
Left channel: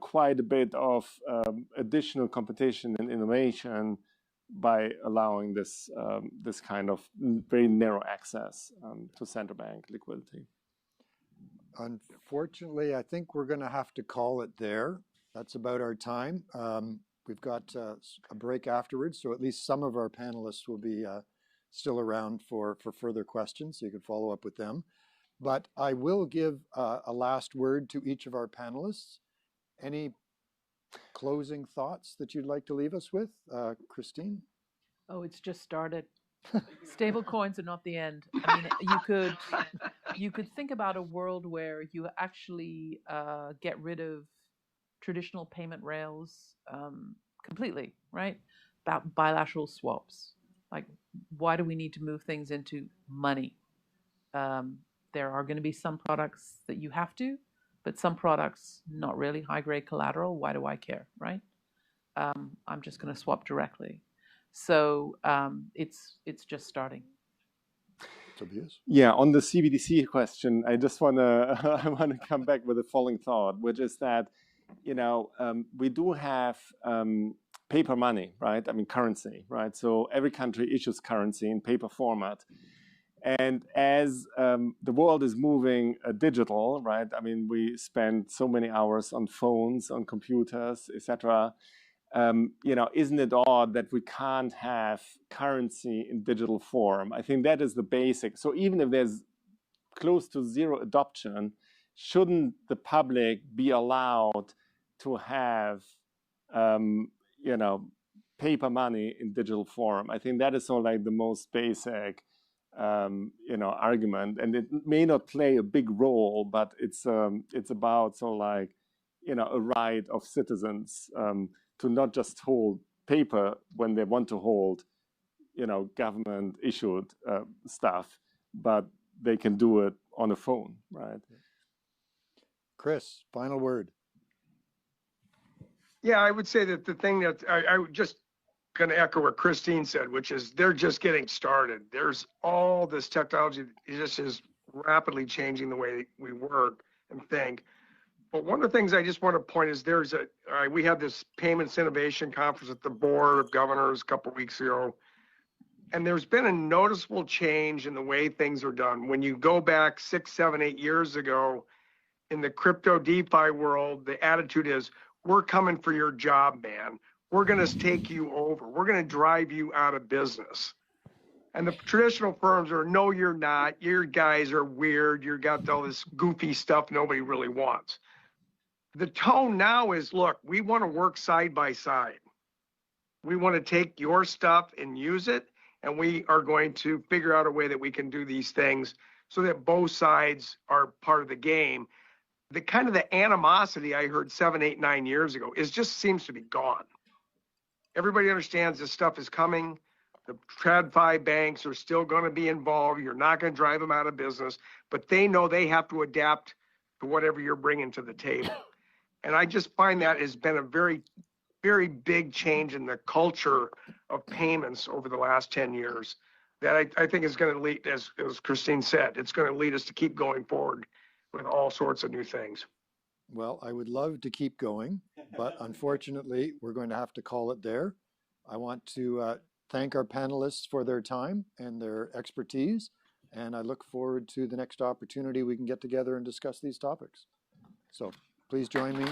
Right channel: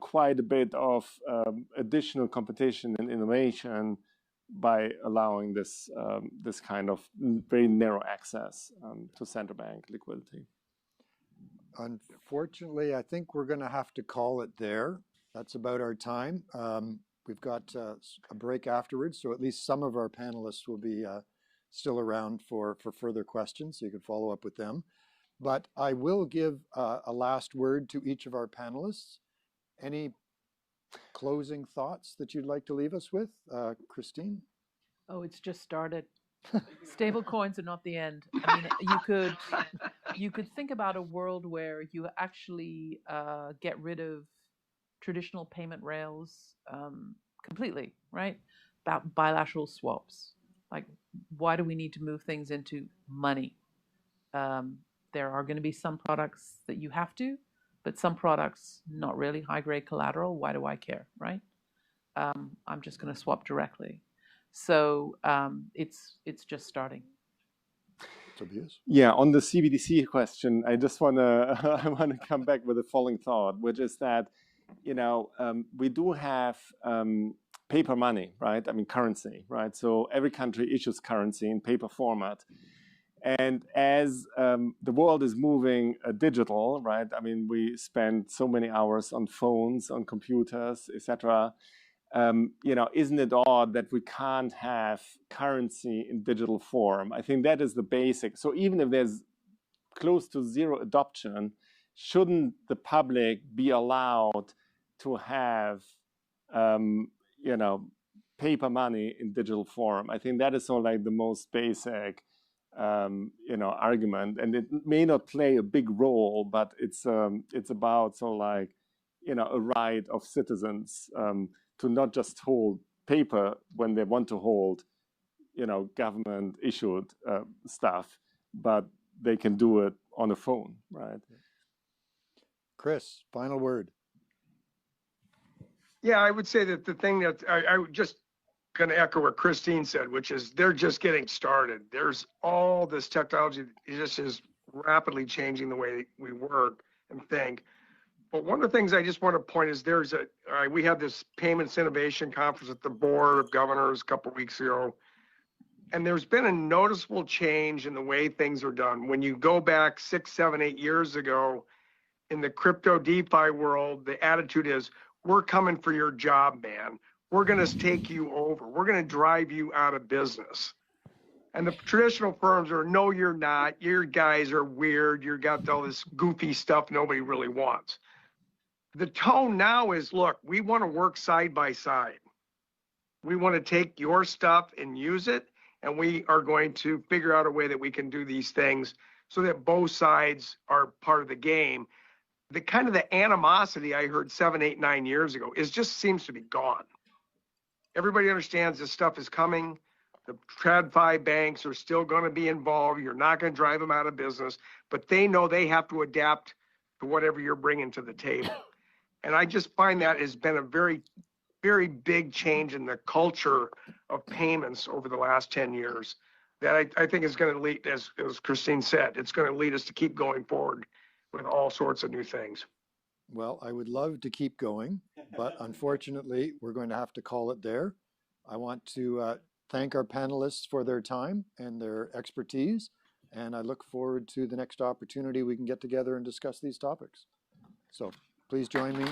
quite a bit of additional competition and innovation by allowing this kind of very narrow access to central bank liquidity. Unfortunately, I think we're going to have to call it there. That's about our time. We've got a break afterwards, so at least some of our panelists will be still around for further questions, so you can follow up with them. But I will give a last word to each of our panelists. Any Closing thoughts that you'd like to leave us with, Christine? Oh, it's just started. Stable coins are not the end. I mean, you could think about a world where you actually get rid of traditional payment rails completely, right? About bilateral swaps. Like, why do we need to move things into money? There are going to be some products that you have to, but some products not really high grade collateral. Why do I care, right? I'm just going to swap directly. So it's just starting. Tobias? Yeah, on the CBDC question, I just want to I want to come back with a following thought, which is that we do have paper money, right? I mean, currency, right? So every country issues currency in paper format. And as the world is moving digital, right? I mean, we spend so many hours on phones, on computers, etc. Isn't it odd that we can't have currency in digital form? I think that is the basic. So even if there's close to zero adoption, shouldn't the public be allowed to have, paper money in digital form? I think that is sort of like the most basic, argument, and it may not play a big role, but it's about sort of like, a right of citizens to not just hold paper when they want to hold, government issued stuff, but they can do it on a phone, right? Chris, final word. Yeah, I would say that the thing that I would just going to echo what Christine said, which is they're just getting started. There's all this technology that just is rapidly changing the way we work and think. But one of the things I just want to point is we had this payments innovation conference at the board of governors a couple of weeks ago. And there's been a noticeable change in the way things are done. When you go back 6, 7, 8 years ago in the crypto DeFi world, the attitude is, we're coming for your job, man. We're going to take you over. We're going to drive you out of business. And the traditional firms are, no, you're not. Your guys are weird. You got all this goofy stuff nobody really wants. The tone now is, look, we want to work side by side. We want to take your stuff and use it, and we are going to figure out a way that we can do these things so that both sides are part of the game. The kind of the animosity I heard 7, 8, 9 years ago just seems to be gone. Everybody understands this stuff is coming. The TradFi banks are still going to be involved. You're not going to drive them out of business, but they know they have to adapt to whatever you're bringing to the table. And I just find that has been a very, very big change in the culture of payments over the last 10 years that I think is going to lead, as Christine said, it's going to lead us to keep going forward with all sorts of new things. Well, I would love to keep going, but unfortunately, we're going to have to call it there. I want to thank our panelists for their time and their expertise, and I look forward to the next opportunity we can get together and discuss these topics. So please join me